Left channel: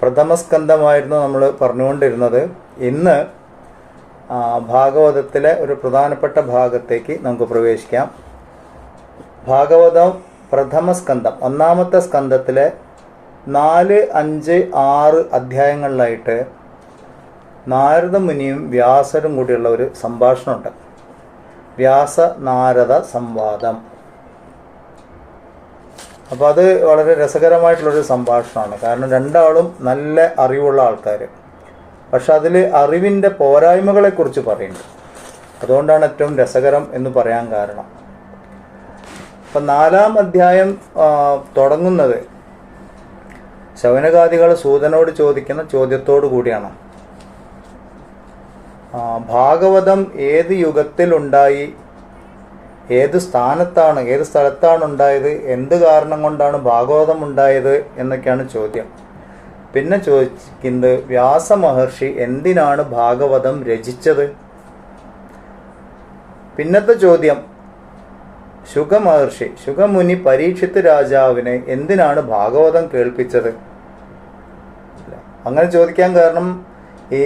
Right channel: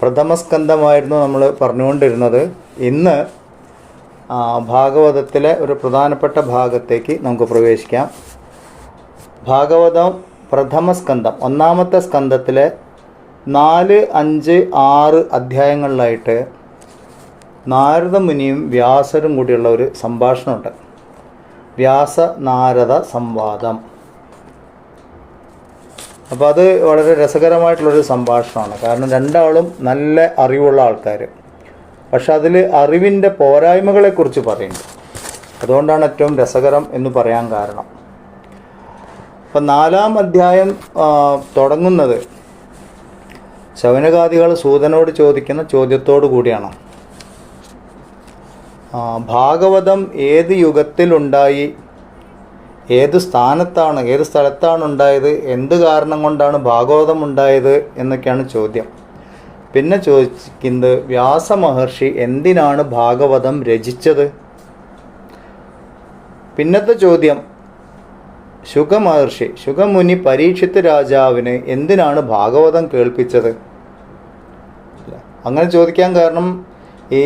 പ്രഥമസ്കന്ധമായിരുന്നു നമ്മൾ പറഞ്ഞുകൊണ്ടിരുന്നത്. ഇന്ന് ഭാഗവതത്തിലെ ഒരു പ്രധാനപ്പെട്ട ഭാഗത്തേക്ക് നമുക്ക് പ്രവേശിക്കാം. ഭാഗവതം പ്രഥമസ്കന്ധം, ഒന്നാമത്തെ സ്കന്ധത്തിലെ 4, 5, 6 അധ്യായങ്ങളിലായിട്ട് നാരദ മുനിയും വ്യാസരും കൂടിയുള്ള ഒരു സംഭാഷണമുണ്ട്. വ്യാസ നാരദ സംവാദം. അപ്പോൾ അത് വളരെ രസകരമായിട്ടുള്ളൊരു സംഭാഷണമാണ്. കാരണം രണ്ടാളും നല്ല അറിവുള്ള ആൾക്കാർ, പക്ഷെ അതിൽ അറിവിൻ്റെ പോരായ്മകളെക്കുറിച്ച് പറയുന്നുണ്ട്. അതുകൊണ്ടാണ് ഏറ്റവും രസകരം എന്ന് പറയാൻ കാരണം. അപ്പം 4-ാം അധ്യായം തുടങ്ങുന്നത് ശൗനകാദികൾ സൂതനോട് ചോദിക്കുന്ന ചോദ്യത്തോടു കൂടിയാണ്. ഭാഗവതം ഏത് യുഗത്തിലുണ്ടായി, ഏത് സ്ഥലത്താണ് ഉണ്ടായത്, എന്ത് കാരണം കൊണ്ടാണ് ഭാഗവതം ഉണ്ടായത് എന്നൊക്കെയാണ് ചോദ്യം. പിന്നെ ചോദിക്കുന്നത് വ്യാസമഹർഷി എന്തിനാണ് ഭാഗവതം രചിച്ചത്. പിന്നത്തെ ചോദ്യം ശുഗമുനി പരീക്ഷിത്ത് രാജാവിന് എന്തിനാണ് ഭാഗവതം കേൾപ്പിച്ചത്. അങ്ങനെ ചോദിക്കാൻ കാരണം ഈ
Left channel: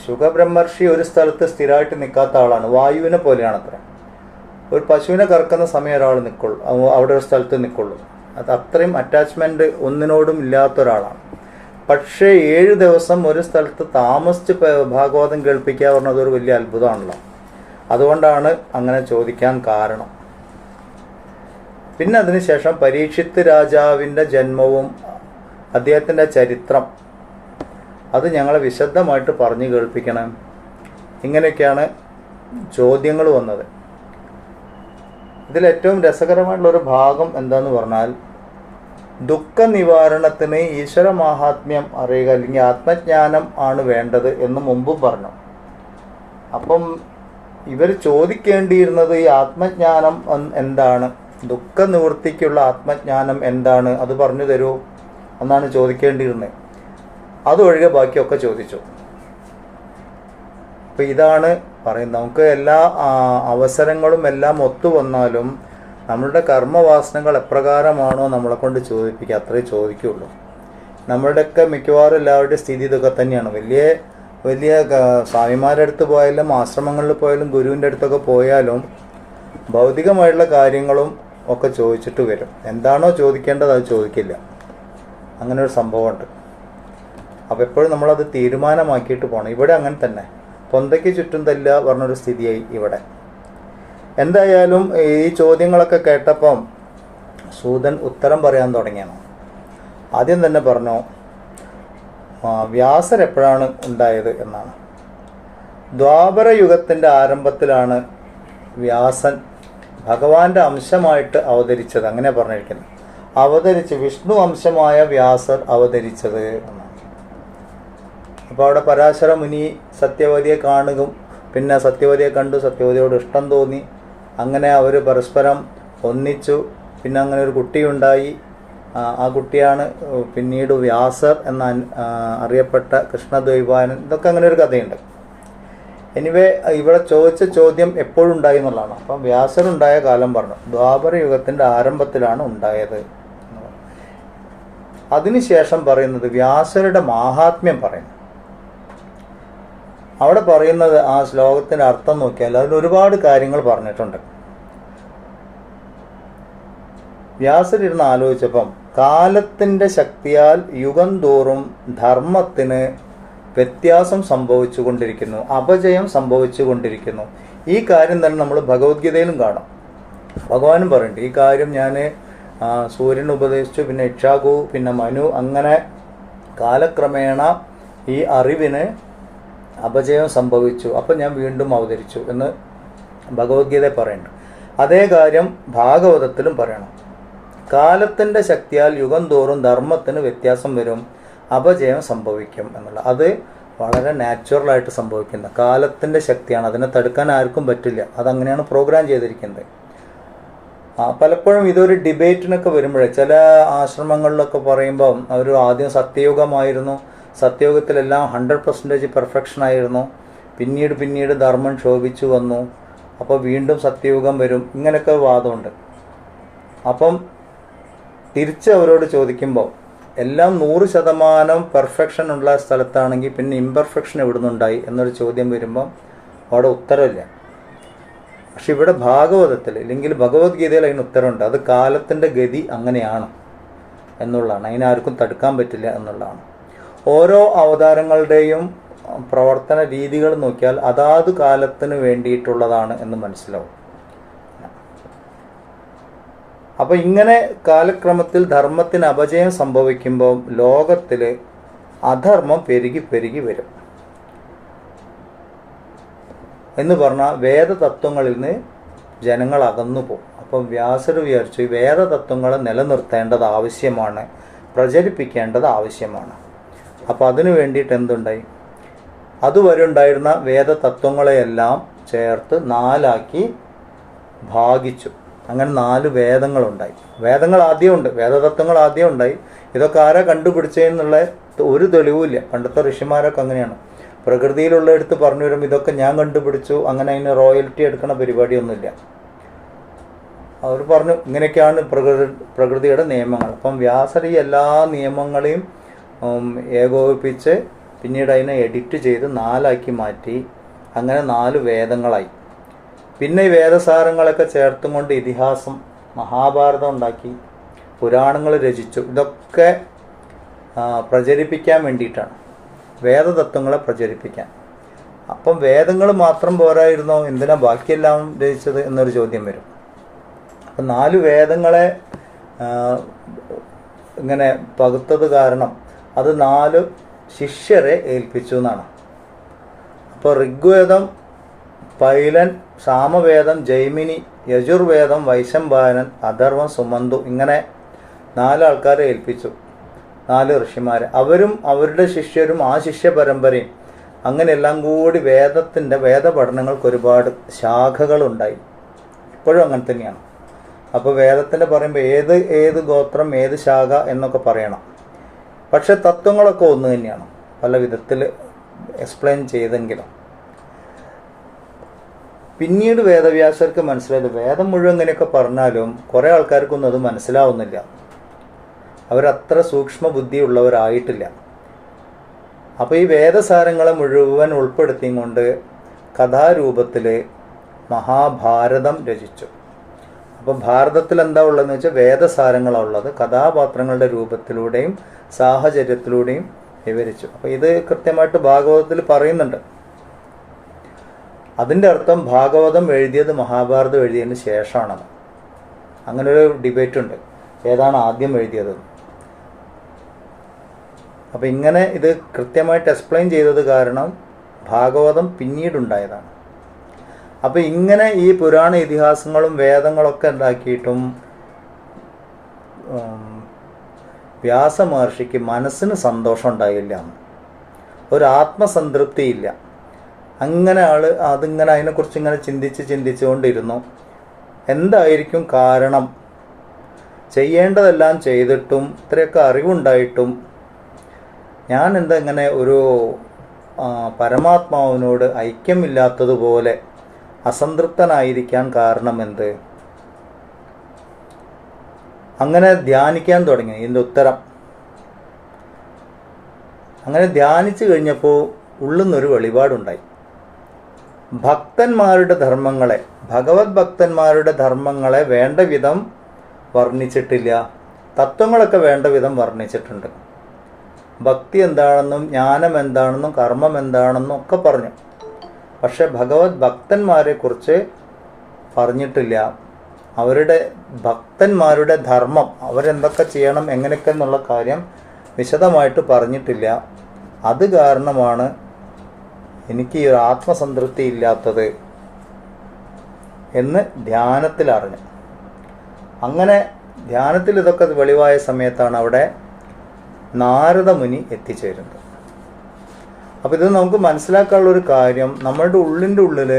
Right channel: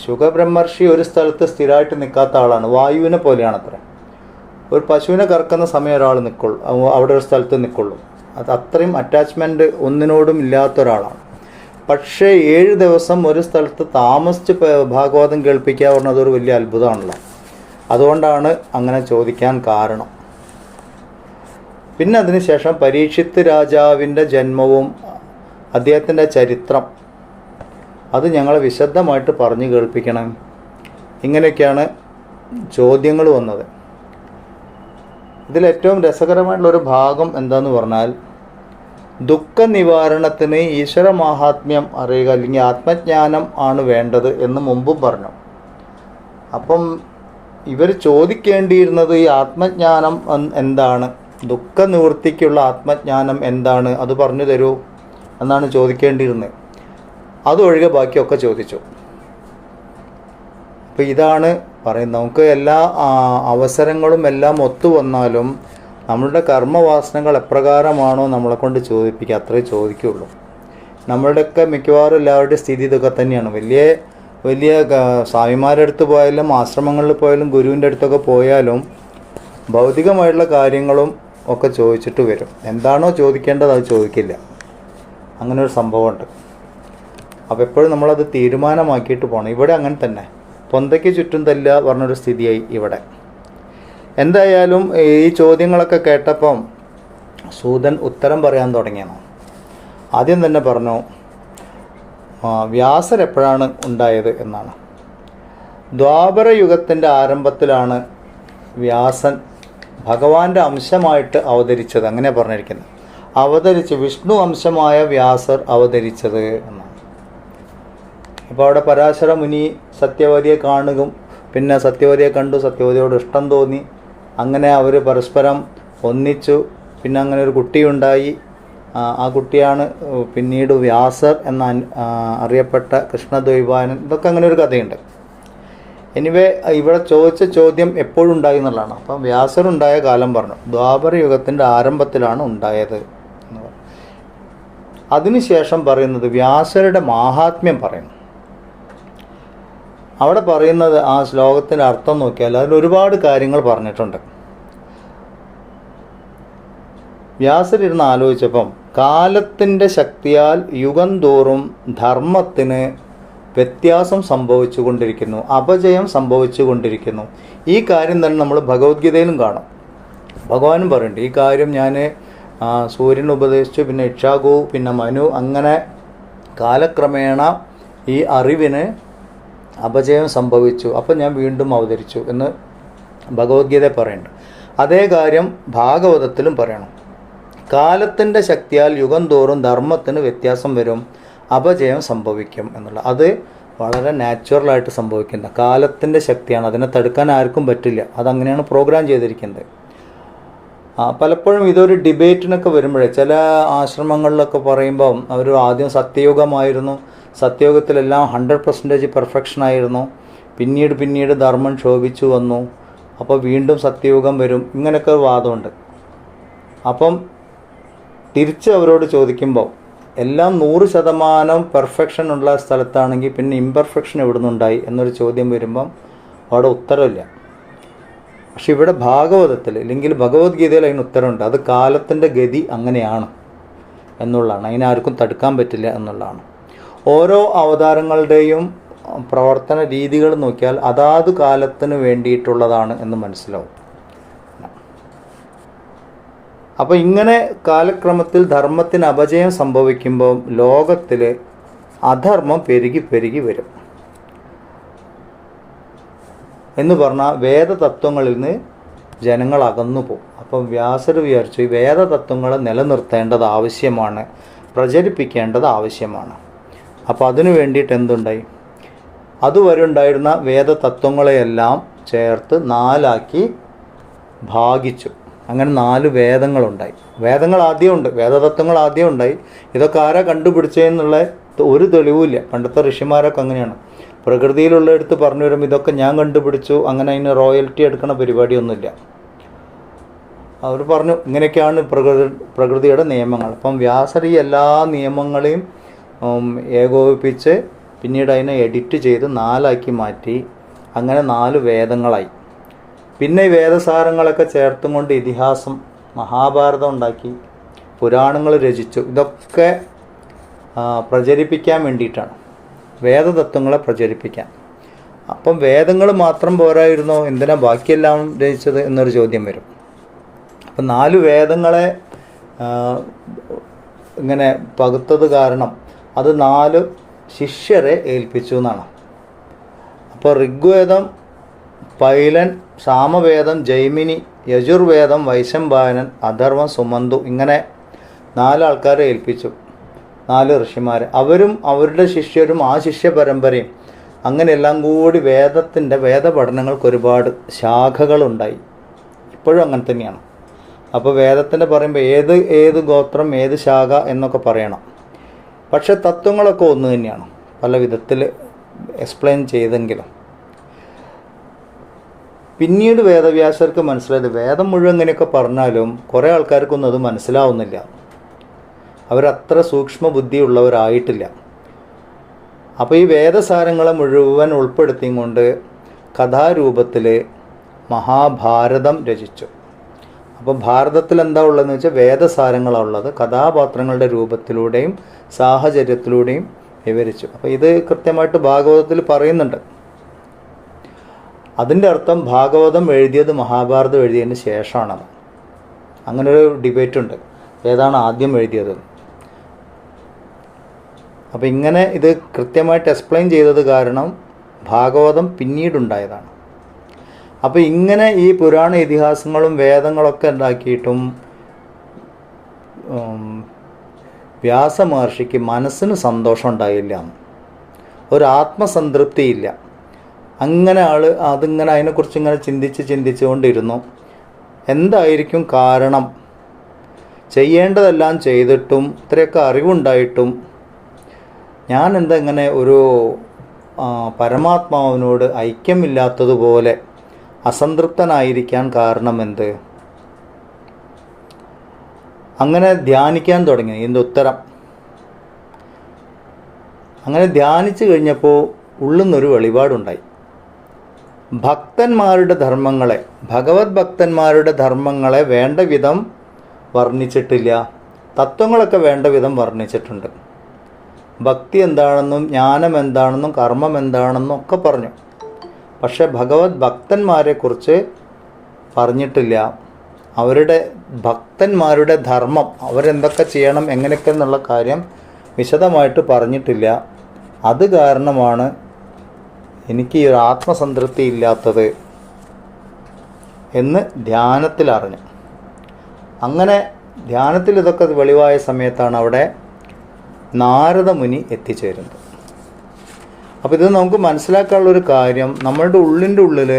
ശുഗബ്രഹ്മർഷി ഒരു സ്ഥലത്ത് സ്ഥിരമായിട്ട് നിൽക്കാത്ത ആളാണ്. വായുവിനെ പോലെയാണ് അത്ര. ഒരു പശുവിനെ കറക്കുന്ന സമയം ഒരാൾ നിൽക്കുള്ളൂ, അവിടെ ഒരു സ്ഥലത്ത് നിൽക്കുള്ളൂ. അത് അത്രയും അറ്റാച്ച്മെൻറ്റ് ഒന്നിനോടും ഇല്ലാത്ത ഒരാളാണ്. പക്ഷേ 7 ദിവസം ഒരു സ്ഥലത്ത് താമസിച്ച് ഭാഗവതം കേൾപ്പിക്കുക പറഞ്ഞത് ഒരു വലിയ അത്ഭുതമാണല്ലോ. അതുകൊണ്ടാണ് അങ്ങനെ ചോദിക്കാൻ കാരണം. പിന്നെ അതിനുശേഷം പരീക്ഷിത്ത് രാജാവിൻ്റെ ജന്മവും അദ്ദേഹത്തിൻ്റെ ചരിത്രം അത് ഞങ്ങളെ വിശദമായിട്ട് പറഞ്ഞു കേൾപ്പിക്കണം. ഇങ്ങനെയൊക്കെയാണ് ചോദ്യങ്ങൾ വന്നത്. ഇതിലേറ്റവും രസകരമായിട്ടുള്ളൊരു ഭാഗം എന്താന്ന് പറഞ്ഞാൽ, ദുഃഖ നിവാരണത്തിന് ഈശ്വര മാഹാത്മ്യം അറിയുക, അല്ലെങ്കിൽ ആത്മജ്ഞാനം ആണ് വേണ്ടത് എന്ന് മുമ്പും പറഞ്ഞു. അപ്പം ഇവർ ചോദിക്കേണ്ടിയിരുന്നത് ഈ ആത്മജ്ഞാനം എന്താണ്, ദുഃഖ നിവൃത്തിക്കുള്ള ആത്മജ്ഞാനം എന്താണ്, അത് പറഞ്ഞു തരൂ എന്നാണ് ചോദിക്കേണ്ടിയിരുന്നത്. അതൊഴികെ ബാക്കിയൊക്കെ ചോദിച്ചു. അപ്പോൾ ഇതാണ് പറയുന്നത്, നമുക്ക് എല്ലാ അവസരങ്ങളും എല്ലാം ഒത്തു വന്നാലും നമ്മളുടെ കർമ്മവാസനകൾ എപ്രകാരമാണോ നമ്മളെ കൊണ്ട് ചോദിപ്പിക്കുക, അത്രേ ചോദിക്കുകയുള്ളൂ. നമ്മളുടെയൊക്കെ മിക്കവാറും എല്ലാവരുടെയും സ്ഥിതി ഇതൊക്കെ തന്നെയാണ്. വലിയ സ്വാമിമാരുടെ അടുത്ത് പോയാലും ആശ്രമങ്ങളിൽ പോയാലും ഗുരുവിൻ്റെ അടുത്തൊക്കെ പോയാലും ഭൗതികമായിട്ടുള്ള കാര്യങ്ങളും ഒക്കെ ചോദിച്ചിട്ട് വരും. എന്താണോ ചോദിക്കേണ്ടത് അത് ചോദിക്കില്ല. അങ്ങനെ ഒരു സംഭവമുണ്ട്. അപ്പോൾ എപ്പോഴും നമ്മളത് തീരുമാനമാക്കിയിട്ട് പോകണം. ഇവിടെ അങ്ങനെ തന്നെ പൊന്തയ്ക്ക് ചുറ്റും തല്ല പറഞ്ഞൊരു സ്ഥിതിയായി ഇവിടെ. എന്തായാലും ഈ ചോദ്യങ്ങളൊക്കെ കേട്ടപ്പം സൂതൻ ഉത്തരം പറയാൻ തുടങ്ങിയാണ്. ആദ്യം തന്നെ പറഞ്ഞു വ്യാസർ എപ്പോഴാണ് ഉണ്ടായത് എന്നാണ്. ദ്വാപര യുഗത്തിൻ്റെ ആരംഭത്തിലാണ് വ്യാസൻ ഭഗവാന്റെ അംശമായിട്ട് അവതരിച്ചത്. അങ്ങനെ പറഞ്ഞിരിക്കുന്നത് വിഷ്ണു അംശമായ വ്യാസർ അവതരിച്ചത് എന്നാണ്. അപ്പോൾ അവിടെ പരാശര മുനി സത്യവതിയെ കാണുകയും പിന്നെ സത്യവതിയെ കണ്ടു, സത്യവതിയോട് ഇഷ്ടം തോന്നി. അങ്ങനെ അവർ പരസ്പരം ഒന്നിച്ചു. പിന്നെ അങ്ങനെ ഒരു കുട്ടിയുണ്ടായി. ആ കുട്ടിയാണ് പിന്നീട് വ്യാസർ എന്ന അറിയപ്പെട്ട കൃഷ്ണദ്വൈപായനൻ. ഇതൊക്കെ അങ്ങനെ ഒരു കഥയുണ്ട്. എനിവേ ഇവിടെ ചോദിച്ച ചോദ്യം എപ്പോഴുണ്ടായി എന്നുള്ളതാണ്. അപ്പം വ്യാസരുണ്ടായ കാലം പറഞ്ഞു, ദ്വാപര യുഗത്തിൻ്റെ ആരംഭത്തിലാണ് ഉണ്ടായത്. അതിനുശേഷം പറയുന്നത് വ്യാസരുടെ മാഹാത്മ്യം പറയുന്നു. അവിടെ പറയുന്നത് ആ ശ്ലോകത്തിൻ്റെ അർത്ഥം നോക്കിയാൽ അതിൽ ഒരുപാട് കാര്യങ്ങൾ പറഞ്ഞിട്ടുണ്ട്. വ്യാസരിരുന്ന് ആലോചിച്ചപ്പം കാലത്തിൻ്റെ ശക്തിയാൽ യുഗം തോറും ധർമ്മത്തിന് വ്യത്യാസം സംഭവിച്ചു കൊണ്ടിരിക്കുന്നു, അപജയം സംഭവിച്ചു കൊണ്ടിരിക്കുന്നു. ഈ കാര്യം തന്നെ നമ്മൾ ഭഗവത്ഗീതയിലും കാണാം. ഭഗവാനും പറയുന്നുണ്ട് ഈ കാര്യം. ഞാൻ സൂര്യൻ ഉപദേശിച്ചു, പിന്നെ ഇക്ഷാകു, പിന്നെ മനു, അങ്ങനെ കാലക്രമേണ ഈ അറിവിന് അപജയം സംഭവിച്ചു. അപ്പം ഞാൻ വീണ്ടും അവതരിച്ചു എന്ന് ഭഗവത്ഗീത പറയുന്നുണ്ട്. അതേ കാര്യം ഭാഗവതത്തിലും പറയണം. കാലത്തിൻ്റെ ശക്തിയാൽ യുഗം തോറും ധർമ്മത്തിന് വ്യത്യാസം വരും, അപജയം സംഭവിക്കും എന്നുള്ള. അത് വളരെ നാച്ചുറലായിട്ട് സംഭവിക്കുന്ന കാലത്തിൻ്റെ ശക്തിയാണ്. അതിനെ തടുക്കാൻ ആർക്കും പറ്റില്ല. അതങ്ങനെയാണ് പ്രോഗ്രാം ചെയ്തിരിക്കുന്നത്. പലപ്പോഴും ഇതൊരു ഡിബേറ്റിനൊക്കെ വരുമ്പോഴേ ചില ആശ്രമങ്ങളിലൊക്കെ പറയുമ്പം അവർ ആദ്യം സത്യയുഗമായിരുന്നു, സത്യയുഗത്തിലെല്ലാം 100% പെർഫെക്ഷനായിരുന്നു, പിന്നീട് ധർമ്മം ക്ഷോഭിച്ചു വന്നു, അപ്പോൾ വീണ്ടും സത്യയുഗം വരും, ഇങ്ങനെയൊക്കെ വാദമുണ്ട്. അപ്പം തിരിച്ച് അവരോട് ചോദിക്കുമ്പോൾ എല്ലാം 100% പെർഫെക്ഷൻ ഉള്ള സ്ഥലത്താണെങ്കിൽ പിന്നെ ഇംപെർഫെക്ഷൻ എവിടെ നിന്നുണ്ടായി എന്നൊരു ചോദ്യം വരുമ്പം അവിടെ ഉത്തരമില്ല. പക്ഷെ ഇവിടെ ഭാഗവതത്തിൽ അല്ലെങ്കിൽ ഭഗവത്ഗീതയിൽ അതിന് ഉത്തരമുണ്ട്. അത് കാലത്തിൻ്റെ ഗതി അങ്ങനെയാണ് എന്നുള്ളതാണ്. അതിനാർക്കും തടുക്കാൻ പറ്റില്ല എന്നുള്ളതാണ്. ഓരോ അവതാരങ്ങളുടെയും പ്രവർത്തന രീതികൾ നോക്കിയാൽ അതാത് കാലത്തിന് വേണ്ടിയിട്ടുള്ളതാണ് എന്ന് മനസ്സിലാവും. അപ്പോൾ ഇങ്ങനെ കാലക്രമത്തിൽ ധർമ്മത്തിന് അപജയം സംഭവിക്കുമ്പോൾ ലോകത്തിൽ അധർമ്മം പെരുകി പെരുകി വരും എന്ന് പറഞ്ഞാൽ വേദതത്വങ്ങളിൽ നിന്ന് ജനങ്ങൾ അകന്നു പോകും. അപ്പം വ്യാസർ വിചാരിച്ചു ഈ വേദതത്വങ്ങളെ നിലനിർത്തേണ്ടത് ആവശ്യമാണ്, പ്രചരിപ്പിക്കേണ്ടത് ആവശ്യമാണ്. അപ്പോൾ അതിനു വേണ്ടിയിട്ട് എന്തുണ്ടായി? അതുവരെ ഉണ്ടായിരുന്ന വേദതത്വങ്ങളെയെല്ലാം ചേർത്ത് 4 ഭാഗിച്ചു. അങ്ങനെ 4 വേദങ്ങളുണ്ടായി. വേദങ്ങൾ ആദ്യമുണ്ട്, വേദതത്വങ്ങൾ ആദ്യം ഉണ്ടായി. ഇതൊക്കെ ആരാ കണ്ടുപിടിച്ചതെന്നുള്ള ഒരു തെളിവുമില്ല. പണ്ടത്തെ ഋഷിമാരൊക്കെ അങ്ങനെയാണ്, പ്രകൃതിയിലുള്ള എടുത്ത് പറഞ്ഞു വരും ഇതൊക്കെ ഞാൻ കണ്ടുപിടിച്ചു, അങ്ങനെ അതിന് റോയൽറ്റി എടുക്കുന്ന പരിപാടിയൊന്നുമില്ല. അവർ പറഞ്ഞു ഇങ്ങനെയൊക്കെയാണ് പ്രകൃതിയുടെ നിയമങ്ങൾ. അപ്പം വ്യാസർ ഈ എല്ലാ നിയമങ്ങളെയും ഏകോപിപ്പിച്ച് പിന്നീട് അതിനെ എഡിറ്റ് ചെയ്ത് 4 മാറ്റി. അങ്ങനെ 4 വേദങ്ങളായി. പിന്നെ ഈ വേദസാരങ്ങളൊക്കെ ചേർത്തും കൊണ്ട് ഇതിഹാസം, മഹാഭാരതം ഉണ്ടാക്കി, പുരാണങ്ങൾ രചിച്ചു. ഇതൊക്കെ പ്രചരിപ്പിക്കാൻ വേണ്ടിയിട്ടാണ്, വേദതത്വങ്ങളെ പ്രചരിപ്പിക്കാൻ. അപ്പം വേദങ്ങൾ മാത്രം പോരായിരുന്നോ, എന്തിനാ ബാക്കിയെല്ലാം രചിച്ചത് എന്നൊരു ചോദ്യം വരും. അപ്പം 4 വേദങ്ങളെ ഇങ്ങനെ പകുത്തത് കാരണം അത് 4 ശിഷ്യരെ ഏൽപ്പിച്ചു എന്നാണ്. അപ്പോൾ ഋഗ്വേദം പൈലൻ, സാമവേദം ജൈമിനി, യജുർവേദം വൈശംപായനൻ, അഥർവം സുമന്തു, ഇങ്ങനെ 4 ആൾക്കാരെ ഏൽപ്പിച്ചു, 4 ഋഷിമാരെ. അവരും അവരുടെ ശിഷ്യരും ആ ശിഷ്യ പരമ്പരയും അങ്ങനെ എല്ലാം കൂടി വേദപഠനങ്ങൾക്ക് ഒരുപാട് ശാഖകളുണ്ടായി. ഇപ്പോഴും അങ്ങനെ തന്നെയാണ്. അപ്പോൾ വേദത്തിൻ്റെ പറയുമ്പോൾ ഏത് ഗോത്രം ഏത് ശാഖ എന്നൊക്കെ പറയണം. പക്ഷെ തത്വങ്ങളൊക്കെ ഒന്ന് തന്നെയാണ്, പല വിധത്തിൽ എക്സ്പ്ലെയിൻ ചെയ്തെങ്കിലും. പിന്നീട് വേദവ്യാസർക്ക് മനസ്സിലായത് വേദം മുഴുവൻ ഇങ്ങനെയൊക്കെ പറഞ്ഞാലും കുറേ ആൾക്കാർക്കൊന്നും അത് മനസ്സിലാവുന്നില്ല, അവരത്ര സൂക്ഷ്മ ബുദ്ധിയുള്ളവരായിട്ടില്ല. അപ്പോൾ ഈ വേദസാരങ്ങളെ മുഴുവൻ ഉൾപ്പെടുത്തിയും കൊണ്ട് കഥാരൂപത്തിൽ മഹാഭാരതം രചിച്ചു. അപ്പോൾ ഭാരതത്തിൽ എന്താ ഉള്ളതെന്ന് വെച്ചാൽ വേദസാരങ്ങളാണ് ഉള്ളത്, കഥാപാത്രങ്ങളുടെ രൂപത്തിലൂടെയും സാഹചര്യത്തിലൂടെയും വിവരിച്ചു. അപ്പോൾ ഇത് കൃത്യമായിട്ട് ഭാഗവതത്തിൽ പറയുന്നുണ്ട്. അതിൻ്റെ അർത്ഥം ഭാഗവതം എഴുതിയത് മഹാഭാരതം എഴുതിയതിന് ശേഷമാണത്. അങ്ങനൊരു ഡിബേറ്റ് ഉണ്ട്, ഏതാണ് ആദ്യം എഴുതിയത്. അപ്പോൾ ഇങ്ങനെ ഇത് കൃത്യമായിട്ട് എക്സ്പ്ലെയിൻ ചെയ്തത് കാരണം ഭാഗവതം പിന്നീടുണ്ടായതാണ്. അപ്പോൾ ഇങ്ങനെ ഈ പുരാണ ഇതിഹാസങ്ങളും വേദങ്ങളൊക്കെ ഉണ്ടാക്കിയിട്ടും വ്യാസമഹർഷിക്ക് മനസ്സിന് സന്തോഷം ഉണ്ടായില്ല, ഒരു ആത്മസംതൃപ്തിയില്ല. അങ്ങനെ അതിങ്ങനെ അതിനെക്കുറിച്ച് ഇങ്ങനെ ചിന്തിച്ചുകൊണ്ടിരുന്നു. എന്തായിരിക്കും കാരണം? ചെയ്യേണ്ടതെല്ലാം ചെയ്തിട്ടും ഇത്രയൊക്കെ അറിവുണ്ടായിട്ടും ഞാൻ എന്താ ഇങ്ങനെ ഒരു പരമാത്മാവിനോട് ഐക്യമില്ലാത്തതുപോലെ അസംതൃപ്തനായിരിക്കാൻ കാരണമെന്ത്? അങ്ങനെ ധ്യാനിക്കാൻ തുടങ്ങി. ഇതിൻ്റെ ഉത്തരം അങ്ങനെ ധ്യാനിച്ചു കഴിഞ്ഞപ്പോൾ ഉള്ളിൽ നിന്നൊരു വെളിപാടുണ്ടായി. ഭക്തന്മാരുടെ ധർമ്മങ്ങളെ, ഭഗവത് ഭക്തന്മാരുടെ ധർമ്മങ്ങളെ വേണ്ട വിധം വർണ്ണിച്ചിട്ടില്ല. തത്വങ്ങളൊക്കെ വേണ്ട വിധം വർണ്ണിച്ചിട്ടുണ്ട്. ഭക്തി എന്താണെന്നും ജ്ഞാനം എന്താണെന്നും കർമ്മം എന്താണെന്നും ഒക്കെ പറഞ്ഞു. പക്ഷെ ഭഗവത് ഭക്തന്മാരെക്കുറിച്ച് പറഞ്ഞിട്ടില്ല. അവരുടെ ഭക്തന്മാരുടെ ധർമ്മം, അവരെന്തൊക്കെ ചെയ്യണം എങ്ങനെയൊക്കെ എന്നുള്ള കാര്യം വിശദമായിട്ട് പറഞ്ഞിട്ടില്ല. അത് കാരണമാണ് എനിക്ക് ഈ ഒരു ആത്മസംതൃപ്തി ഇല്ലാത്തത് എന്ന് ധ്യാനത്തിൽ അറിഞ്ഞു. അങ്ങനെ ധ്യാനത്തിൽ ഇതൊക്കെ വെളിവായ സമയത്താണ് അവിടെ നാരദ മുനി എത്തിച്ചേരുന്നത്. അപ്പോൾ ഇത് നമുക്ക് മനസ്സിലാക്കാനുള്ളൊരു കാര്യം, നമ്മളുടെ ഉള്ളിൻ്റെ ഉള്ളിൽ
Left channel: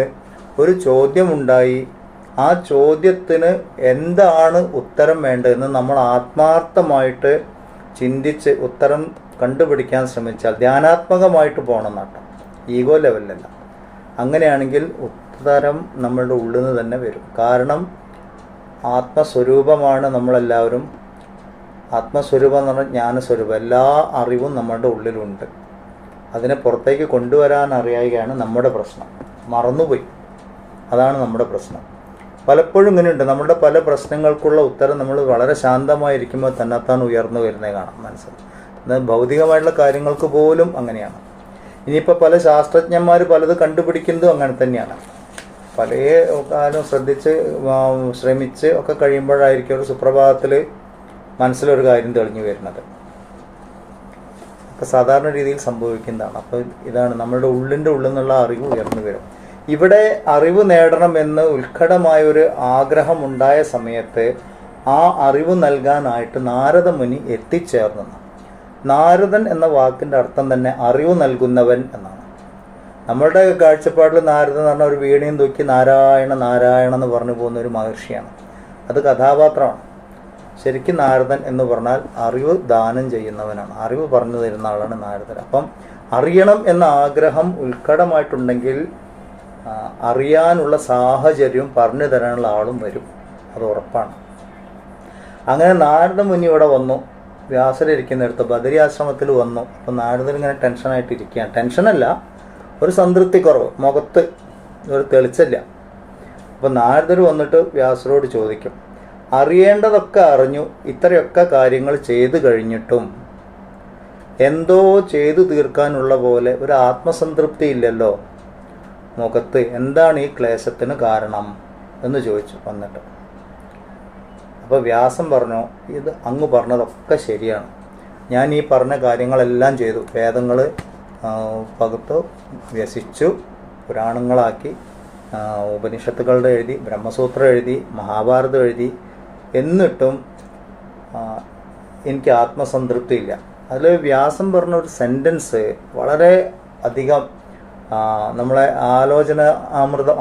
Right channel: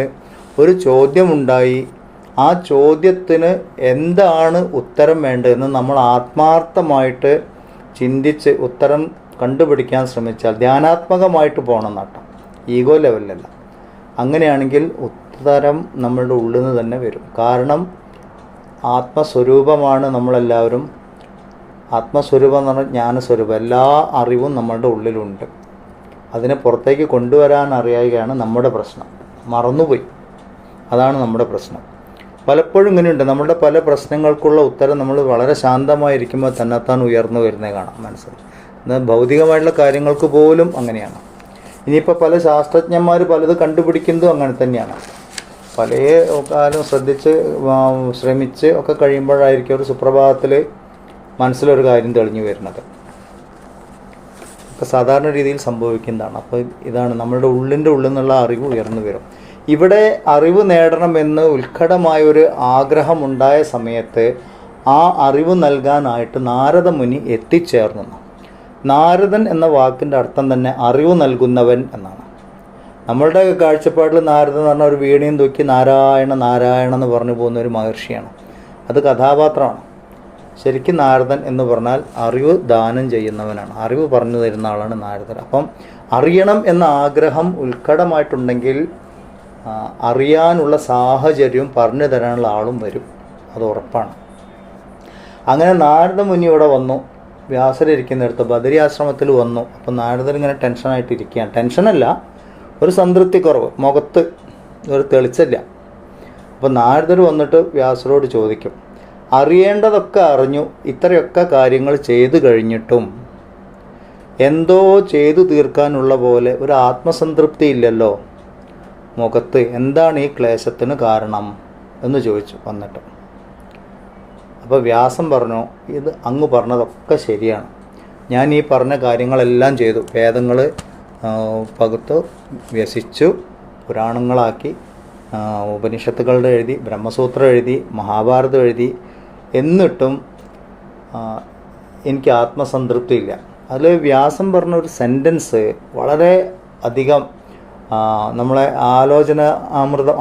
ഒരു ചോദ്യമുണ്ടായി. ആ ചോദ്യത്തിന് എന്താണ് ഉത്തരം വേണ്ടതെന്ന് നമ്മൾ ആത്മാർത്ഥമായിട്ട് ചിന്തിച്ച് ഉത്തരം കണ്ടുപിടിക്കാൻ ശ്രമിച്ചാൽ, ധ്യാനാത്മകമായിട്ട് പോകണം നട്ടം, ഈഗോ ലെവലിലല്ല. അങ്ങനെയാണെങ്കിൽ ഉത്തരം നമ്മളുടെ ഉള്ളിൽ നിന്ന് തന്നെ വരും. കാരണം ആത്മസ്വരൂപമാണ് നമ്മളെല്ലാവരും. ആത്മസ്വരൂപം എന്ന് പറഞ്ഞാൽ ജ്ഞാനസ്വരൂപം. എല്ലാ അറിവും നമ്മളുടെ ഉള്ളിലുണ്ട്. അതിനെ പുറത്തേക്ക് കൊണ്ടുവരാൻ അറിയുകയാണ് നമ്മുടെ പ്രശ്നം. മറന്നുപോയി, അതാണ് നമ്മുടെ പ്രശ്നം. പലപ്പോഴും ഇങ്ങനെയുണ്ട്, നമ്മളുടെ പല പ്രശ്നങ്ങൾക്കുള്ള ഉത്തരം നമ്മൾ വളരെ ശാന്തമായിരിക്കുമ്പോൾ തന്നെത്താൻ ഉയർന്നു വരുന്നേ കാണാം മനസ്സിൽ. എന്നാൽ ഭൗതികമായിട്ടുള്ള കാര്യങ്ങൾക്ക് പോലും അങ്ങനെയാണ്. ഇനിയിപ്പോൾ പല ശാസ്ത്രജ്ഞന്മാർ പലത് കണ്ടുപിടിക്കുന്നതും അങ്ങനെ തന്നെയാണ്. പല കാലം ശ്രമിച്ച് ഒക്കെ കഴിയുമ്പോഴായിരിക്കും ഒരു സുപ്രഭാതത്തിൽ മനസ്സിലൊരു കാര്യം തെളിഞ്ഞു വരുന്നത്. അപ്പോൾ സാധാരണ രീതിയിൽ സംഭവിക്കുന്നതാണ്. അപ്പോൾ ഇതാണ് നമ്മളുടെ ഉള്ളിൽ നിന്നുള്ള അറിവ് ഉയർന്നു വരും. ഇവിടെ അറിവ് നേടണമെന്ന് ഉത്കടമായൊരു ആഗ്രഹമുണ്ടായ സമയത്ത് ആ അറിവ് നൽകാനായിട്ട് നാരദ മുനി എത്തിച്ചേർന്നു. നാരദൻ എന്ന വാക്കിൻ്റെ അർത്ഥം തന്നെ അറിവ് നൽകുന്നവൻ എന്നാണ്. നമ്മളുടെ കാഴ്ചപ്പാടിൽ നാരദൻ എന്ന് പറഞ്ഞാൽ ഒരു വീണയും തൂക്കി നാരായണ നാരായണ എന്ന് പറഞ്ഞു പോകുന്ന ഒരു മഹർഷിയാണ്. അത് കഥാപാത്രമാണ്. ശരിക്കും നാരദൻ എന്ന് പറഞ്ഞാൽ അറിവ് ദാനം ചെയ്യുന്നവനാണ്, അറിവ് പറഞ്ഞു തരുന്ന ആളാണ് നാരദൻ. അപ്പം അറിയണം എന്ന ആഗ്രഹം ഉത്കടമായിട്ടുണ്ടെങ്കിൽ അറിയാനുള്ള സാഹചര്യവും പറഞ്ഞു തരാനുള്ള ആളും വരും, അത് ഉറപ്പാണ്. അങ്ങനെ നാരദ മുനി ഇവിടെ വന്നു, വ്യാസരിക്കുന്നിടത്ത് ബദരി ആശ്രമത്തിൽ വന്നു. അപ്പം നാരദൻ ഇങ്ങനെ ടെൻഷനായിട്ടിരിക്കുകയാണ്. ടെൻഷനല്ല, ഒരു സംതൃപ്തി കുറവ്, മുഖത്ത് ഒരു തെളിച്ചല്ല. അപ്പം നാരദർ വന്നിട്ട് വ്യാസരോട് ചോദിക്കും, അറിയേണ്ടതൊക്കെ അറിഞ്ഞു, ഇത്രയൊക്കെ കാര്യങ്ങൾ ചെയ്തു കഴിഞ്ഞിട്ടും എന്തോ ചെയ്തു തീർക്കാനുള്ള പോലെ ഒരു ആത്മസംതൃപ്തി ഇല്ലല്ലോ മുഖത്ത്, എന്താണ് ഈ ക്ലേശത്തിന് കാരണം എന്ന് ചോദിച്ചു വന്നിട്ട്. അപ്പോൾ വ്യാസം പറഞ്ഞു, ഇത് അങ്ങ് പറഞ്ഞതൊക്കെ ശരിയാണ്. ഞാൻ ഈ പറഞ്ഞ കാര്യങ്ങളെല്ലാം ചെയ്തു. വേദങ്ങൾ പകുത്തു വ്യസിച്ചു, പുരാണങ്ങളാക്കി, ഉപനിഷത്തുകളുടെ എഴുതി, ബ്രഹ്മസൂത്രം എഴുതി, മഹാഭാരതം എഴുതി. എന്നിട്ടും എനിക്ക് ആത്മസംതൃപ്തി ഇല്ല. അതിൽ വ്യാസം പറഞ്ഞ ഒരു സെൻറ്റൻസ് വളരെ അധികം നമ്മളെ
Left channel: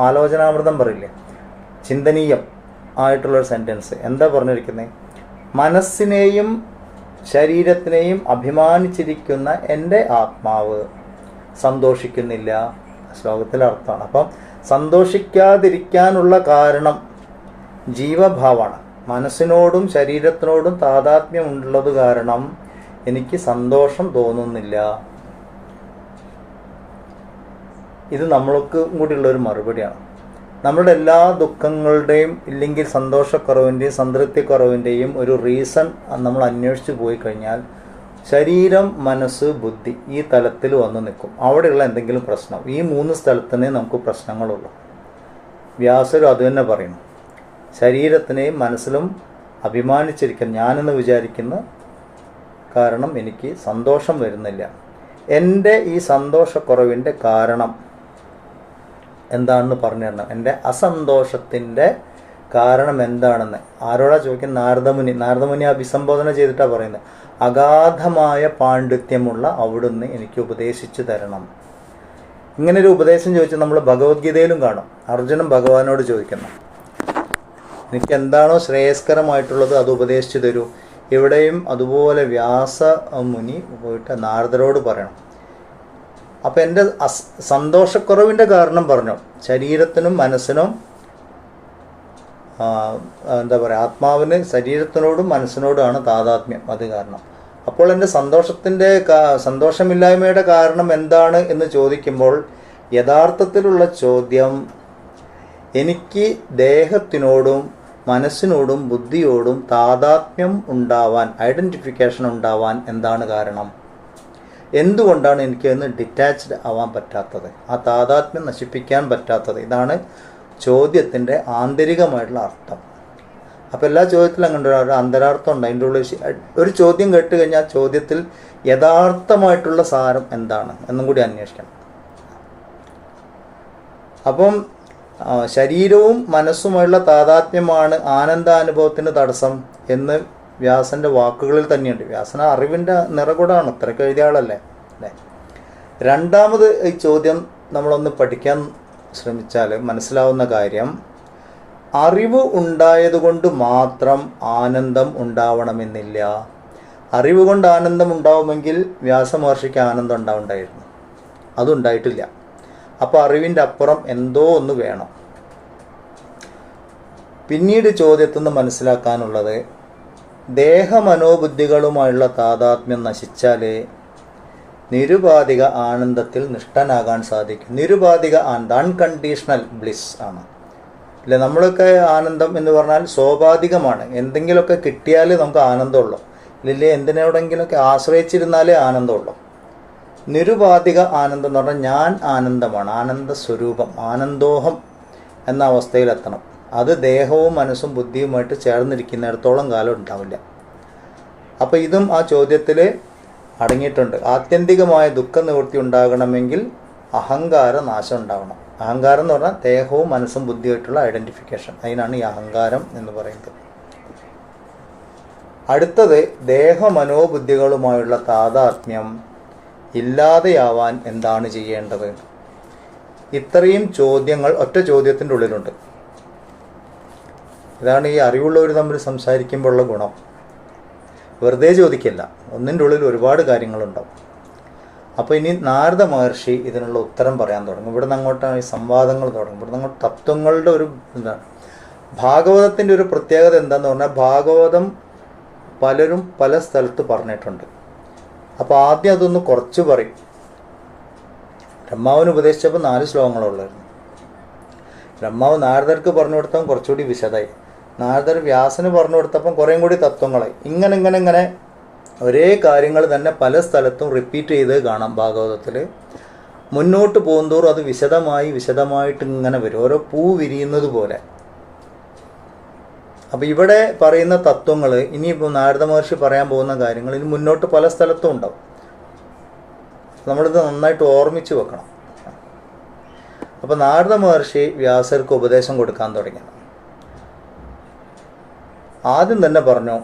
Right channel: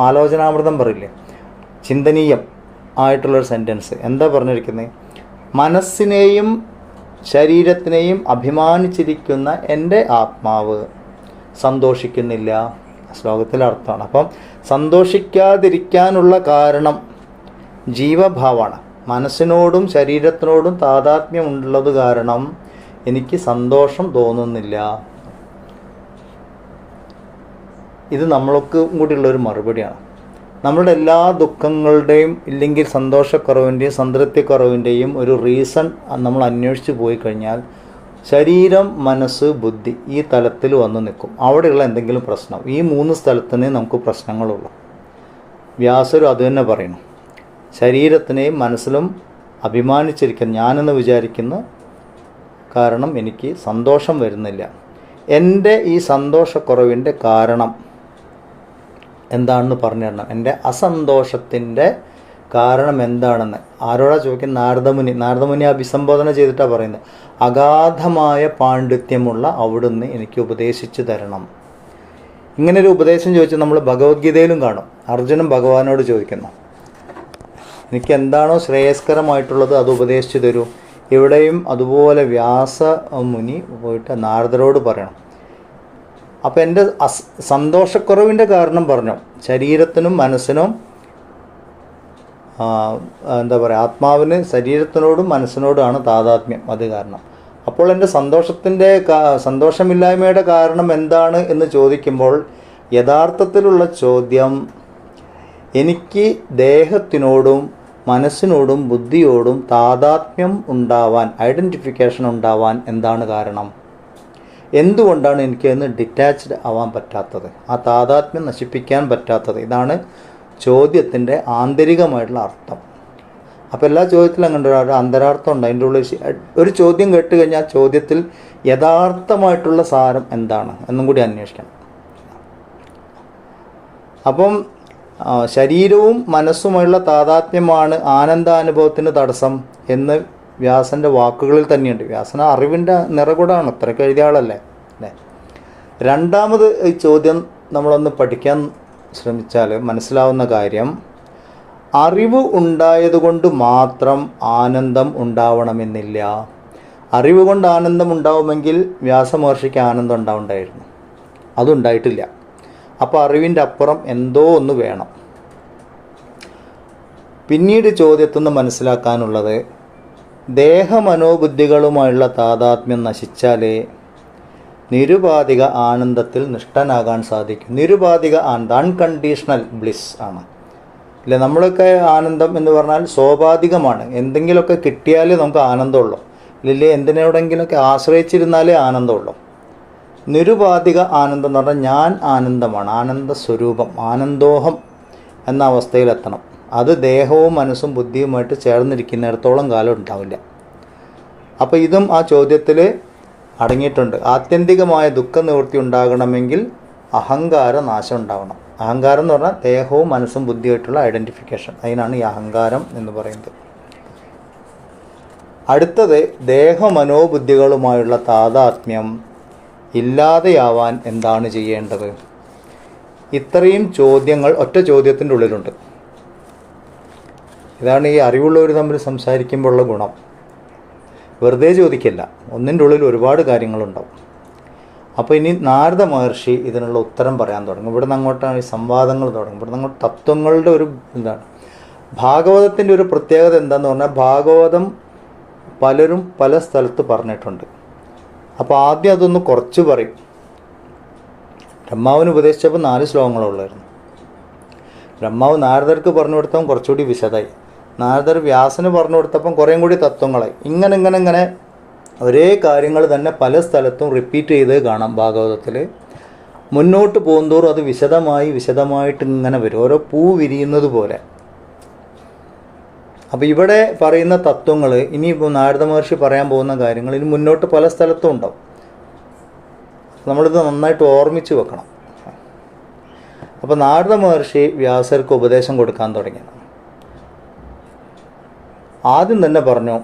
ആലോചനാമൃതം പറയില്ലേ, ചിന്തനീയം ആയിട്ടുള്ളൊരു സെൻറ്റൻസ്. എന്താ പറഞ്ഞിരിക്കുന്നത്? മനസ്സിനെയും ശരീരത്തിനെയും അഭിമാനിച്ചിരിക്കുന്ന എൻ്റെ ആത്മാവ് സന്തോഷിക്കുന്നില്ല. ശ്ലോകത്തിലെ അർത്ഥമാണ്. അപ്പം സന്തോഷിക്കാതിരിക്കാനുള്ള കാരണം ജീവഭാവമാണ്. മനസ്സിനോടും ശരീരത്തിനോടും താതാത്മ്യമുള്ളത് കാരണം എനിക്ക് സന്തോഷം തോന്നുന്നില്ല. ഇത് നമ്മൾക്ക് കൂടിയുള്ളൊരു മറുപടിയാണ്. നമ്മളുടെ എല്ലാ ദുഃഖങ്ങളുടെയും ഇല്ലെങ്കിൽ സന്തോഷക്കുറവിൻ്റെയും സംതൃപ്തിക്കുറവിൻ്റെയും ഒരു റീസൺ നമ്മൾ അന്വേഷിച്ച് പോയി കഴിഞ്ഞാൽ ശരീരം, മനസ്സ്, ബുദ്ധി ഈ തലത്തിൽ വന്ന് നിൽക്കും. അവിടെയുള്ള എന്തെങ്കിലും പ്രശ്നം, ഈ 3 സ്ഥലത്തിനേ നമുക്ക് പ്രശ്നങ്ങളുള്ളൂ. വ്യാസരും അത് തന്നെ പറയുന്നു. ശരീരത്തിനെയും മനസ്സിലും അഭിമാനിച്ചിരിക്കുന്ന ഞാനെന്ന് വിചാരിക്കുന്ന കാരണം എനിക്ക് സന്തോഷം വരുന്നില്ല. എൻ്റെ ഈ സന്തോഷക്കുറവിൻ്റെ കാരണം എന്താണെന്ന് പറഞ്ഞു തരണം. എൻ്റെ അസന്തോഷത്തിൻ്റെ കാരണം എന്താണെന്ന് ആരോടാ ചോദിക്കുന്നത്? നാരദമുനി അഭിസംബോധന ചെയ്തിട്ടാണ് പറയുന്നത്. അഗാധമായ പാണ്ഡിത്യമുള്ള അവിടുന്ന് എനിക്ക് ഉപദേശിച്ചു തരണം. ഇങ്ങനൊരു ഉപദേശം ചോദിച്ചാൽ നമ്മൾ ഭഗവത്ഗീതയിലും കാണും. അർജുനൻ ഭഗവാനോട് ചോദിക്കുന്നു, എനിക്ക് എന്താണോ ശ്രേയസ്കരമായിട്ടുള്ളത് അത് ഉപദേശിച്ചു തരൂ. ഇവിടെയും അതുപോലെ വ്യാസ മുനി പോയിട്ട് നാരദരോട് പറയണം. അപ്പം എൻ്റെ സന്തോഷക്കുറവിൻ്റെ കാരണം പറഞ്ഞു, ശരീരത്തിനും മനസ്സിനും എന്താ പറയുക, ആത്മാവിന് ശരീരത്തിനോടും മനസ്സിനോടുമാണ് താതാത്മ്യം, അത് കാരണം. അപ്പോൾ എൻ്റെ സന്തോഷമില്ലായ്മയുടെ കാരണം എന്താണ് എന്ന് ചോദിക്കുമ്പോൾ യഥാർത്ഥത്തിലുള്ള ചോദ്യം, എനിക്ക് ദേഹത്തിനോടും മനസ്സിനോടും ബുദ്ധിയോടും താതാത്മ്യം ഉണ്ടാവാൻ, ഐഡൻറ്റിഫിക്കേഷൻ ഉണ്ടാവാൻ എന്താണ് കാരണം? എന്തുകൊണ്ടാണ് എനിക്ക് അതിന് ഡിറ്റാച്ച്ഡ് ആവാൻ പറ്റാത്തത്, ആ താതാത്മ്യം നശിപ്പിക്കാൻ പറ്റാത്തത്? ഇതാണ് ചോദ്യത്തിൻ്റെ ആന്തരികമായിട്ടുള്ള അർത്ഥം. അപ്പോൾ എല്ലാ ചോദ്യത്തിലും അങ്ങനെ ഒരു അന്തരാർത്ഥം ഉണ്ട്. അതിൻ്റെ ഉള്ളിൽ ഒരു ചോദ്യം കേട്ട് കഴിഞ്ഞാൽ ചോദ്യത്തിൽ യഥാർത്ഥമായിട്ടുള്ള സാരം എന്താണ് എന്നും കൂടി അന്വേഷിക്കണം. അപ്പം ശരീരവും മനസ്സുമായുള്ള താതാത്മ്യമാണ് ആനന്ദാനുഭവത്തിന് തടസ്സം എന്ന് വ്യാസൻ്റെ വാക്കുകളിൽ തന്നെയുണ്ട്. വ്യാസന അറിവിൻ്റെ നിറകുടാണ്, അത്രയ്ക്ക് എഴുതിയ ആളല്ലേ അല്ലേ. രണ്ടാമത് ഈ ചോദ്യം നമ്മളൊന്ന് പഠിക്കാൻ ശ്രമിച്ചാൽ മനസ്സിലാവുന്ന കാര്യം, അറിവ് ഉണ്ടായതുകൊണ്ട് മാത്രം ആനന്ദം ഉണ്ടാവണമെന്നില്ല. അറിവ് കൊണ്ട് ആനന്ദം ഉണ്ടാവുമെങ്കിൽ വ്യാസമഹർഷിക്ക് ആനന്ദം ഉണ്ടാവുണ്ടായിരുന്നു, അതുണ്ടായിട്ടില്ല. അപ്പോൾ അറിവിൻ്റെ അപ്പുറം എന്തോ ഒന്ന് വേണം. പിന്നീട് ചോദ്യത്തിൽ നിന്ന് മനസ്സിലാക്കാനുള്ളത്, ദേഹമനോബുദ്ധികളുമായുള്ള താതാത്മ്യം നശിച്ചാലേ നിരുപാധിക ആനന്ദത്തിൽ നിഷ്ഠനാകാൻ സാധിക്കും. നിരുപാധിക ആനന്ദം, അൺകണ്ടീഷണൽ ബ്ലിസ് ആണ്. ഇല്ല, നമ്മളൊക്കെ ആനന്ദം എന്ന് പറഞ്ഞാൽ സ്വാഭാവികമാണ്. എന്തെങ്കിലുമൊക്കെ കിട്ടിയാലേ നമുക്ക് ആനന്ദമുള്ളൂ. ഇല്ലേ, എന്തിനോടെങ്കിലുമൊക്കെ ആശ്രയിച്ചിരുന്നാലേ ആനന്ദമുള്ളൂ. നിരുപാധിക ആനന്ദം എന്ന് പറഞ്ഞാൽ ഞാൻ ആനന്ദമാണ്, ആനന്ദ സ്വരൂപം, ആനന്ദോഹം എന്ന അവസ്ഥയിലെത്തണം. അത് ദേഹവും മനസ്സും ബുദ്ധിയുമായിട്ട് ചേർന്നിരിക്കുന്നിടത്തോളം കാലം ഉണ്ടാവില്ല. അപ്പോൾ ഇതും ആ ചോദ്യത്തിൽ അടങ്ങിയിട്ടുണ്ട്. ആത്യന്തികമായ ദുഃഖനിവൃത്തി ഉണ്ടാകണമെങ്കിൽ അഹങ്കാര നാശം ഉണ്ടാവണം. അഹങ്കാരം എന്ന് പറഞ്ഞാൽ ദേഹവും മനസ്സും ബുദ്ധിയായിട്ടുള്ള ഐഡൻറ്റിഫിക്കേഷൻ. അതിനാണ് ഈ അഹങ്കാരം എന്ന് പറയുന്നത്. അടുത്തത്, ദേഹമനോബുദ്ധികളുമായുള്ള താതാത്മ്യം ഇല്ലാതെയാവാൻ എന്താണ് ചെയ്യേണ്ടത്? ഇത്രയും ചോദ്യങ്ങൾ ഒറ്റ ചോദ്യത്തിൻ്റെ ഉള്ളിലുണ്ട്. ഇതാണ് ഈ അറിവുള്ളവർ തമ്മിൽ സംസാരിക്കുമ്പോഴുള്ള ഗുണം. വെറുതെ ചോദിക്കില്ല, ഒന്നിൻ്റെ ഉള്ളിൽ ഒരുപാട് കാര്യങ്ങളുണ്ടാവും. അപ്പോൾ ഇനി നാരദ മഹർഷി ഇതിനുള്ള ഉത്തരം പറയാൻ തുടങ്ങും. ഇവിടെ നിന്ന് അങ്ങോട്ടാണ് ഈ സംവാദങ്ങൾ തുടങ്ങും. ഇവിടെ നിന്ന് അങ്ങോട്ട് തത്വങ്ങളുടെ ഒരു ഇതാണ്. ഭാഗവതത്തിൻ്റെ ഒരു പ്രത്യേകത എന്താണെന്ന് പറഞ്ഞാൽ, ഭാഗവതം പലരും പല സ്ഥലത്ത് പറഞ്ഞിട്ടുണ്ട്. അപ്പോൾ ആദ്യം അതൊന്ന് കുറച്ച് പറയും. ബ്രഹ്മാവിന് ഉപദേശിച്ചപ്പോൾ 4 ശ്ലോകങ്ങളുള്ളായിരുന്നു. ബ്രഹ്മാവ് നാരദർക്ക് പറഞ്ഞു കൊടുത്തപ്പോൾ കുറച്ചുകൂടി വിശദമായി. നാരദർ വ്യാസന് പറഞ്ഞു കൊടുത്തപ്പം കുറേയും കൂടി തത്വങ്ങളായി. ഇങ്ങനെ ഒരേ കാര്യങ്ങൾ തന്നെ പല സ്ഥലത്തും റിപ്പീറ്റ് ചെയ്ത് കാണാം ഭാഗവതത്തിൽ. മുന്നോട്ട് പോകുന്തോറും അത് വിശദമായിട്ട് ഇങ്ങനെ വരും, ഓരോ പൂ വിരിയുന്നത് പോലെ. അപ്പോൾ ഇവിടെ പറയുന്ന തത്വങ്ങൾ, ഇനിയിപ്പോൾ നാരദ മഹർഷി പറയാൻ പോകുന്ന കാര്യങ്ങൾ ഇനി മുന്നോട്ട് പല സ്ഥലത്തും ഉണ്ടാവും. നമ്മളിത് നന്നായിട്ട് ഓർമ്മിച്ച് വെക്കണം. അപ്പോൾ നാരദ മഹർഷി വ്യാസർക്ക് ഉപദേശം കൊടുക്കാൻ തുടങ്ങി. ആദ്യം തന്നെ പറഞ്ഞു,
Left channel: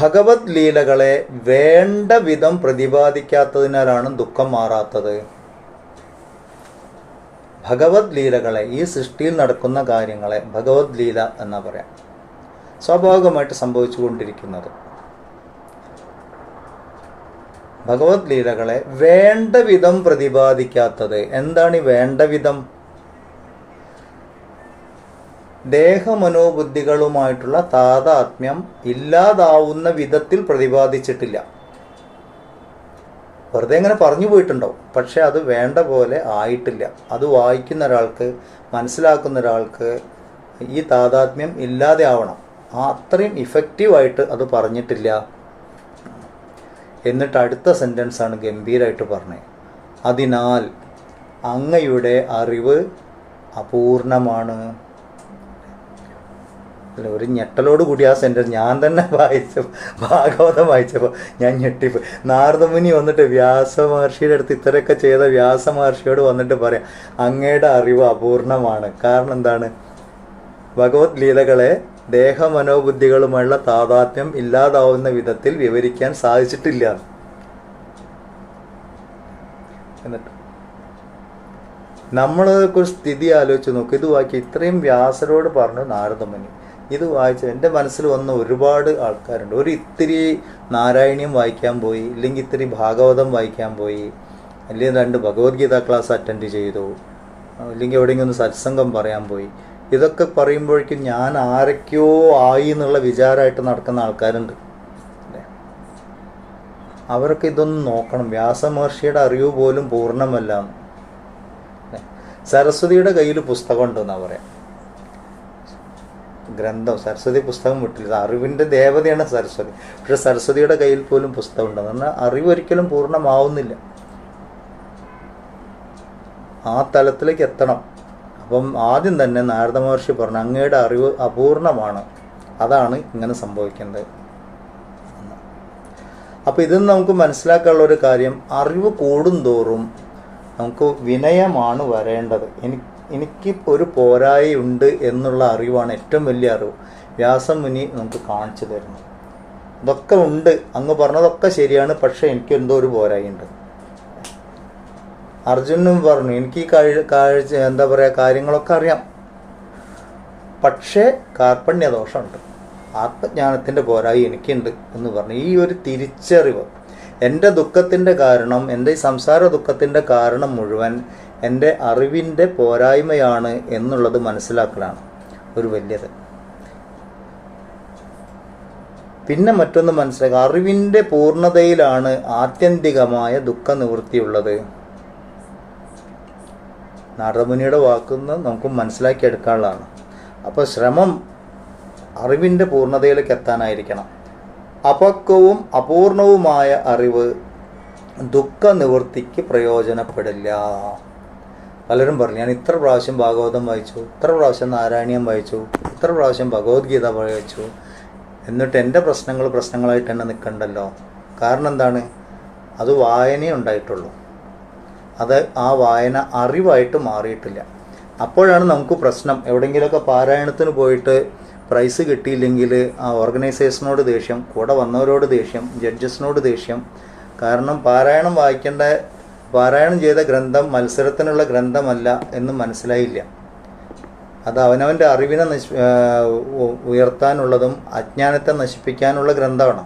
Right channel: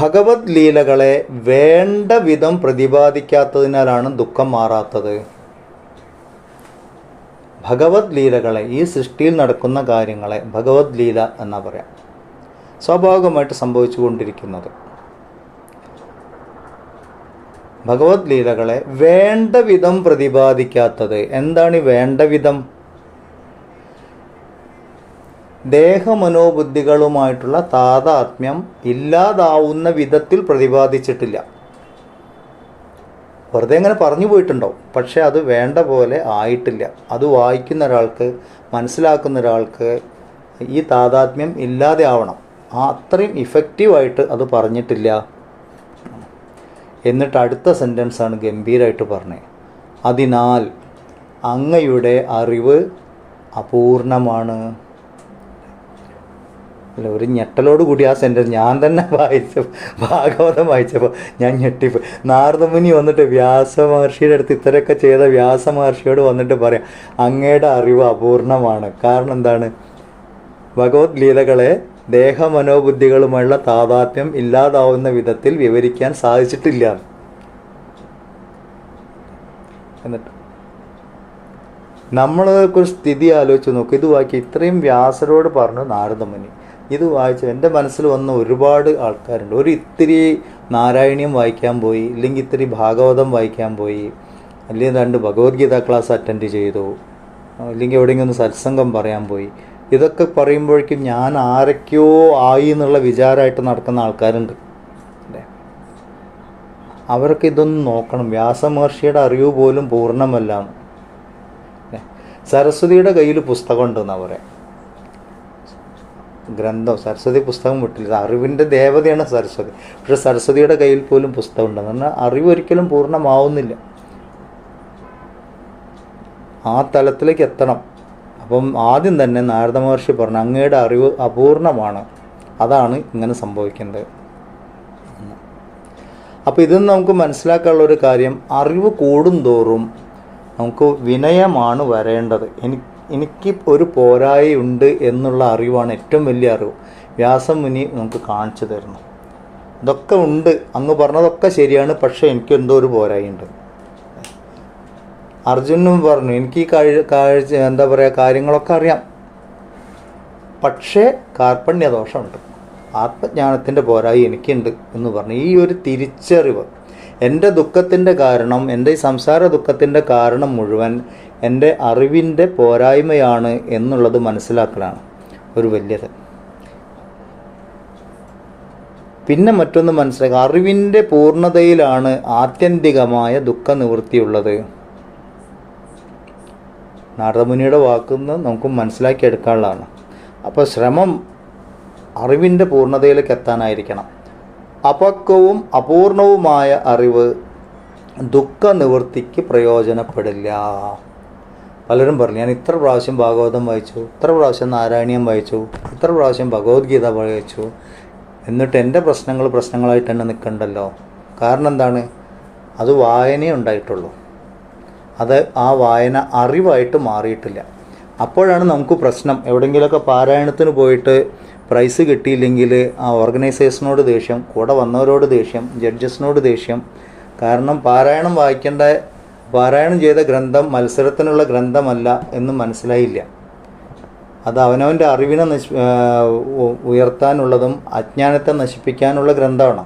ഭഗവത് ലീലകളെ വേണ്ട വിധം പ്രതിപാദിക്കാത്തതിനാലാണ് ദുഃഖം മാറാത്തത്. ഭഗവത് ലീലകളെ, ഈ സൃഷ്ടിയിൽ നടക്കുന്ന കാര്യങ്ങളെ ഭഗവത് ലീല എന്നാ പറയാം, സ്വാഭാവികമായിട്ട് സംഭവിച്ചു കൊണ്ടിരിക്കുന്നത്. ഭഗവത് ലീലകളെ വേണ്ട വിധം പ്രതിപാദിക്കാത്തത്. എന്താണ് ഈ വേണ്ട വിധം? ദേഹമനോബുദ്ധികളുമായിട്ടുള്ള താതാത്മ്യം ഇല്ലാതാവുന്ന വിധത്തിൽ പ്രതിപാദിച്ചിട്ടില്ല. വെറുതെ ഇങ്ങനെ പറഞ്ഞു പോയിട്ടുണ്ടാവും, പക്ഷെ അത് വേണ്ട പോലെ ആയിട്ടില്ല. അത് വായിക്കുന്ന ഒരാൾക്ക്, മനസ്സിലാക്കുന്ന ഒരാൾക്ക് ഈ താതാത്മ്യം ഇല്ലാതെ ആവണം. അത്രയും ഇഫക്റ്റീവായിട്ട് അത് പറഞ്ഞിട്ടില്ല. എന്നിട്ട് അടുത്ത സെൻറ്റൻസാണ് ഗംഭീരമായിട്ട് പറഞ്ഞത്. അതിനാൽ അങ്ങയുടെ അറിവ് അപൂർണമാണ്. അല്ല, ഒരു ഞെട്ടലോട് കൂടി ആ സെൻറ്റൻസ് ഞാൻ തന്നെ ഭാഗവതം വായിച്ചപ്പോൾ ഞാൻ ഞെട്ടിപ്പോയി. നാരദമുനി വന്നിട്ട് വ്യാസമഹർഷിയുടെ അടുത്ത് ഇത്രയൊക്കെ ചെയ്ത വ്യാസമഹർഷിയോട് വന്നിട്ട് പറയാം, അങ്ങയുടെ അറിവ് അപൂർണമാണ്. കാരണം എന്താണ്? ഭഗവത് ലീലകളെ ദേഹമനോബുദ്ധികളുമായുള്ള താതാത്മ്യം ഇല്ലാതാവുന്ന വിധത്തിൽ വിവരിക്കാൻ സാധിച്ചിട്ടില്ല. എന്നിട്ട് നമ്മളൊക്കെ ഒരു സ്ഥിതി ആലോചിച്ച് നോക്കും. ഇത് വായിക്കുക, ഇത്രയും വ്യാസരോട് പറഞ്ഞു നാരദമുനി, ഇത് വായിച്ച് എൻ്റെ മനസ്സിൽ വന്ന ഒരുപാട് ആൾക്കാരുണ്ട്. ഇത്തിരി നാരായണീയം വായിക്കാൻ പോയി, ഇല്ലെങ്കിൽ ഇത്തിരി ഭാഗവതം വായിക്കാൻ പോയി, അല്ലെങ്കിൽ 2 ഭഗവത്ഗീത ക്ലാസ് അറ്റൻഡ് ചെയ്തു, ഇല്ലെങ്കിൽ എവിടെയെങ്കിലും ഒന്ന് സത്സംഗം പറയാൻ പോയി. ഇതൊക്കെ പറയുമ്പോഴേക്കും ഞാൻ ആരൊക്കെയോ ആയി എന്നുള്ള വിചാരമായിട്ട് നടക്കുന്ന ആൾക്കാരുണ്ട്. അല്ലേ? അവർക്ക് ഇതൊന്നും നോക്കണം. വ്യാസമഹർഷിയുടെ അറിവ് പോലും പൂർണ്ണമല്ല. സരസ്വതിയുടെ കയ്യിൽ പുസ്തകം ഉണ്ടെന്നാണ് പറയാം. ഗ്രന്ഥം, സരസ്വതി പുസ്തകം വിട്ടില്ല. അറിവിൻ്റെ ദേവതയാണ് സരസ്വതി. പക്ഷെ സരസ്വതിയുടെ കയ്യിൽ പോലും പുസ്തകം ഉണ്ടെന്ന് പറഞ്ഞാൽ അറിവ് ഒരിക്കലും പൂർണ്ണമാവുന്നില്ല. ആ തലത്തിലേക്ക് എത്തണം. അപ്പം ആദ്യം തന്നെ നാരദ മഹർഷി പറഞ്ഞു, അങ്ങയുടെ അറിവ് അപൂർണമാണ്, അതാണ് ഇങ്ങനെ സംഭവിക്കുന്നത്. അപ്പോൾ ഇതിന്ന് നമുക്ക് മനസ്സിലാക്കാനുള്ള ഒരു കാര്യം, അറിവ് കൂടുന്തോറും നമുക്ക് വിനയമാണ് വരേണ്ടത്. എനിക്ക് ഒരു പോരായുണ്ട് എന്നുള്ള അറിവാണ് ഏറ്റവും വലിയ അറിവ്. വ്യാസമുനി നമുക്ക് കാണിച്ചു തരുന്നു. ഇതൊക്കെ ഉണ്ട്, അങ്ങ് പറഞ്ഞതൊക്കെ ശരിയാണ്, പക്ഷേ എനിക്ക് എന്തോ ഒരു പോരായുണ്ട്. അർജുനും പറഞ്ഞു, എനിക്ക് ഈ എന്താ പറയുക, കാര്യങ്ങളൊക്കെ അറിയാം, പക്ഷേ കാർപ്പണ്യദോഷമുണ്ട്, ആത്മജ്ഞാനത്തിൻ്റെ പോരായി എനിക്കുണ്ട് എന്ന് പറഞ്ഞു. ഈ ഒരു തിരിച്ചറിവ്, എൻ്റെ ദുഃഖത്തിൻ്റെ കാരണം, എൻ്റെ ഈ സംസാര ദുഃഖത്തിൻ്റെ കാരണം മുഴുവൻ എൻ്റെ അറിവിൻ്റെ പോരായ്മയാണ് എന്നുള്ളത് മനസ്സിലാക്കലാണ് ഒരു വലിയത്. പിന്നെ മറ്റൊന്ന് മനസ്സിലാക്കുക, അറിവിൻ്റെ പൂർണ്ണതയിലാണ് ആത്യന്തികമായ ദുഃഖനിവൃത്തിയുള്ളത്. നാരദമുനിയുടെ വാക്കുന്ന് നമുക്ക് മനസ്സിലാക്കിയെടുക്കാനുള്ളതാണ്. അപ്പോൾ ശ്രമം അറിവിൻ്റെ പൂർണ്ണതയിലേക്ക് എത്താനായിരിക്കണം. അപക്വവും അപൂർണവുമായ അറിവ് ദുഃഖനിവൃത്തിക്ക് പ്രയോജനപ്പെടില്ല. പലരും പറഞ്ഞു, ഞാൻ ഇത്ര പ്രാവശ്യം ഭാഗവതം വായിച്ചു, ഇത്ര പ്രാവശ്യം നാരായണീയം വായിച്ചു, ഇത്ര പ്രാവശ്യം ഭഗവത്ഗീത വായിച്ചു, എന്നിട്ട് എൻ്റെ പ്രശ്നങ്ങളായിട്ട് തന്നെ നിൽക്കണ്ടല്ലോ. കാരണം എന്താണ്? അത് വായനയേ ഉണ്ടായിട്ടുള്ളൂ. അത് ആ വായന അറിവായിട്ട് മാറിയിട്ടില്ല. അപ്പോഴാണ് നമുക്ക് പ്രശ്നം. എവിടെയെങ്കിലുമൊക്കെ പാരായണത്തിന് പോയിട്ട് പ്രൈസ് കിട്ടിയില്ലെങ്കിൽ ആ ഓർഗനൈസേഷനോട് ദേഷ്യം, കൂടെ വന്നവരോട് ദേഷ്യം, ജഡ്ജസിനോട് ദേഷ്യം. കാരണം പാരായണം ചെയ്ത ഗ്രന്ഥം മത്സരത്തിനുള്ള ഗ്രന്ഥമല്ല എന്ന് മനസ്സിലായില്ല. അത് അവനവൻ്റെ അറിവിനെ ഉയർത്താനുള്ളതും അജ്ഞാനത്തെ നശിപ്പിക്കാനുള്ള ഗ്രന്ഥമാണ്.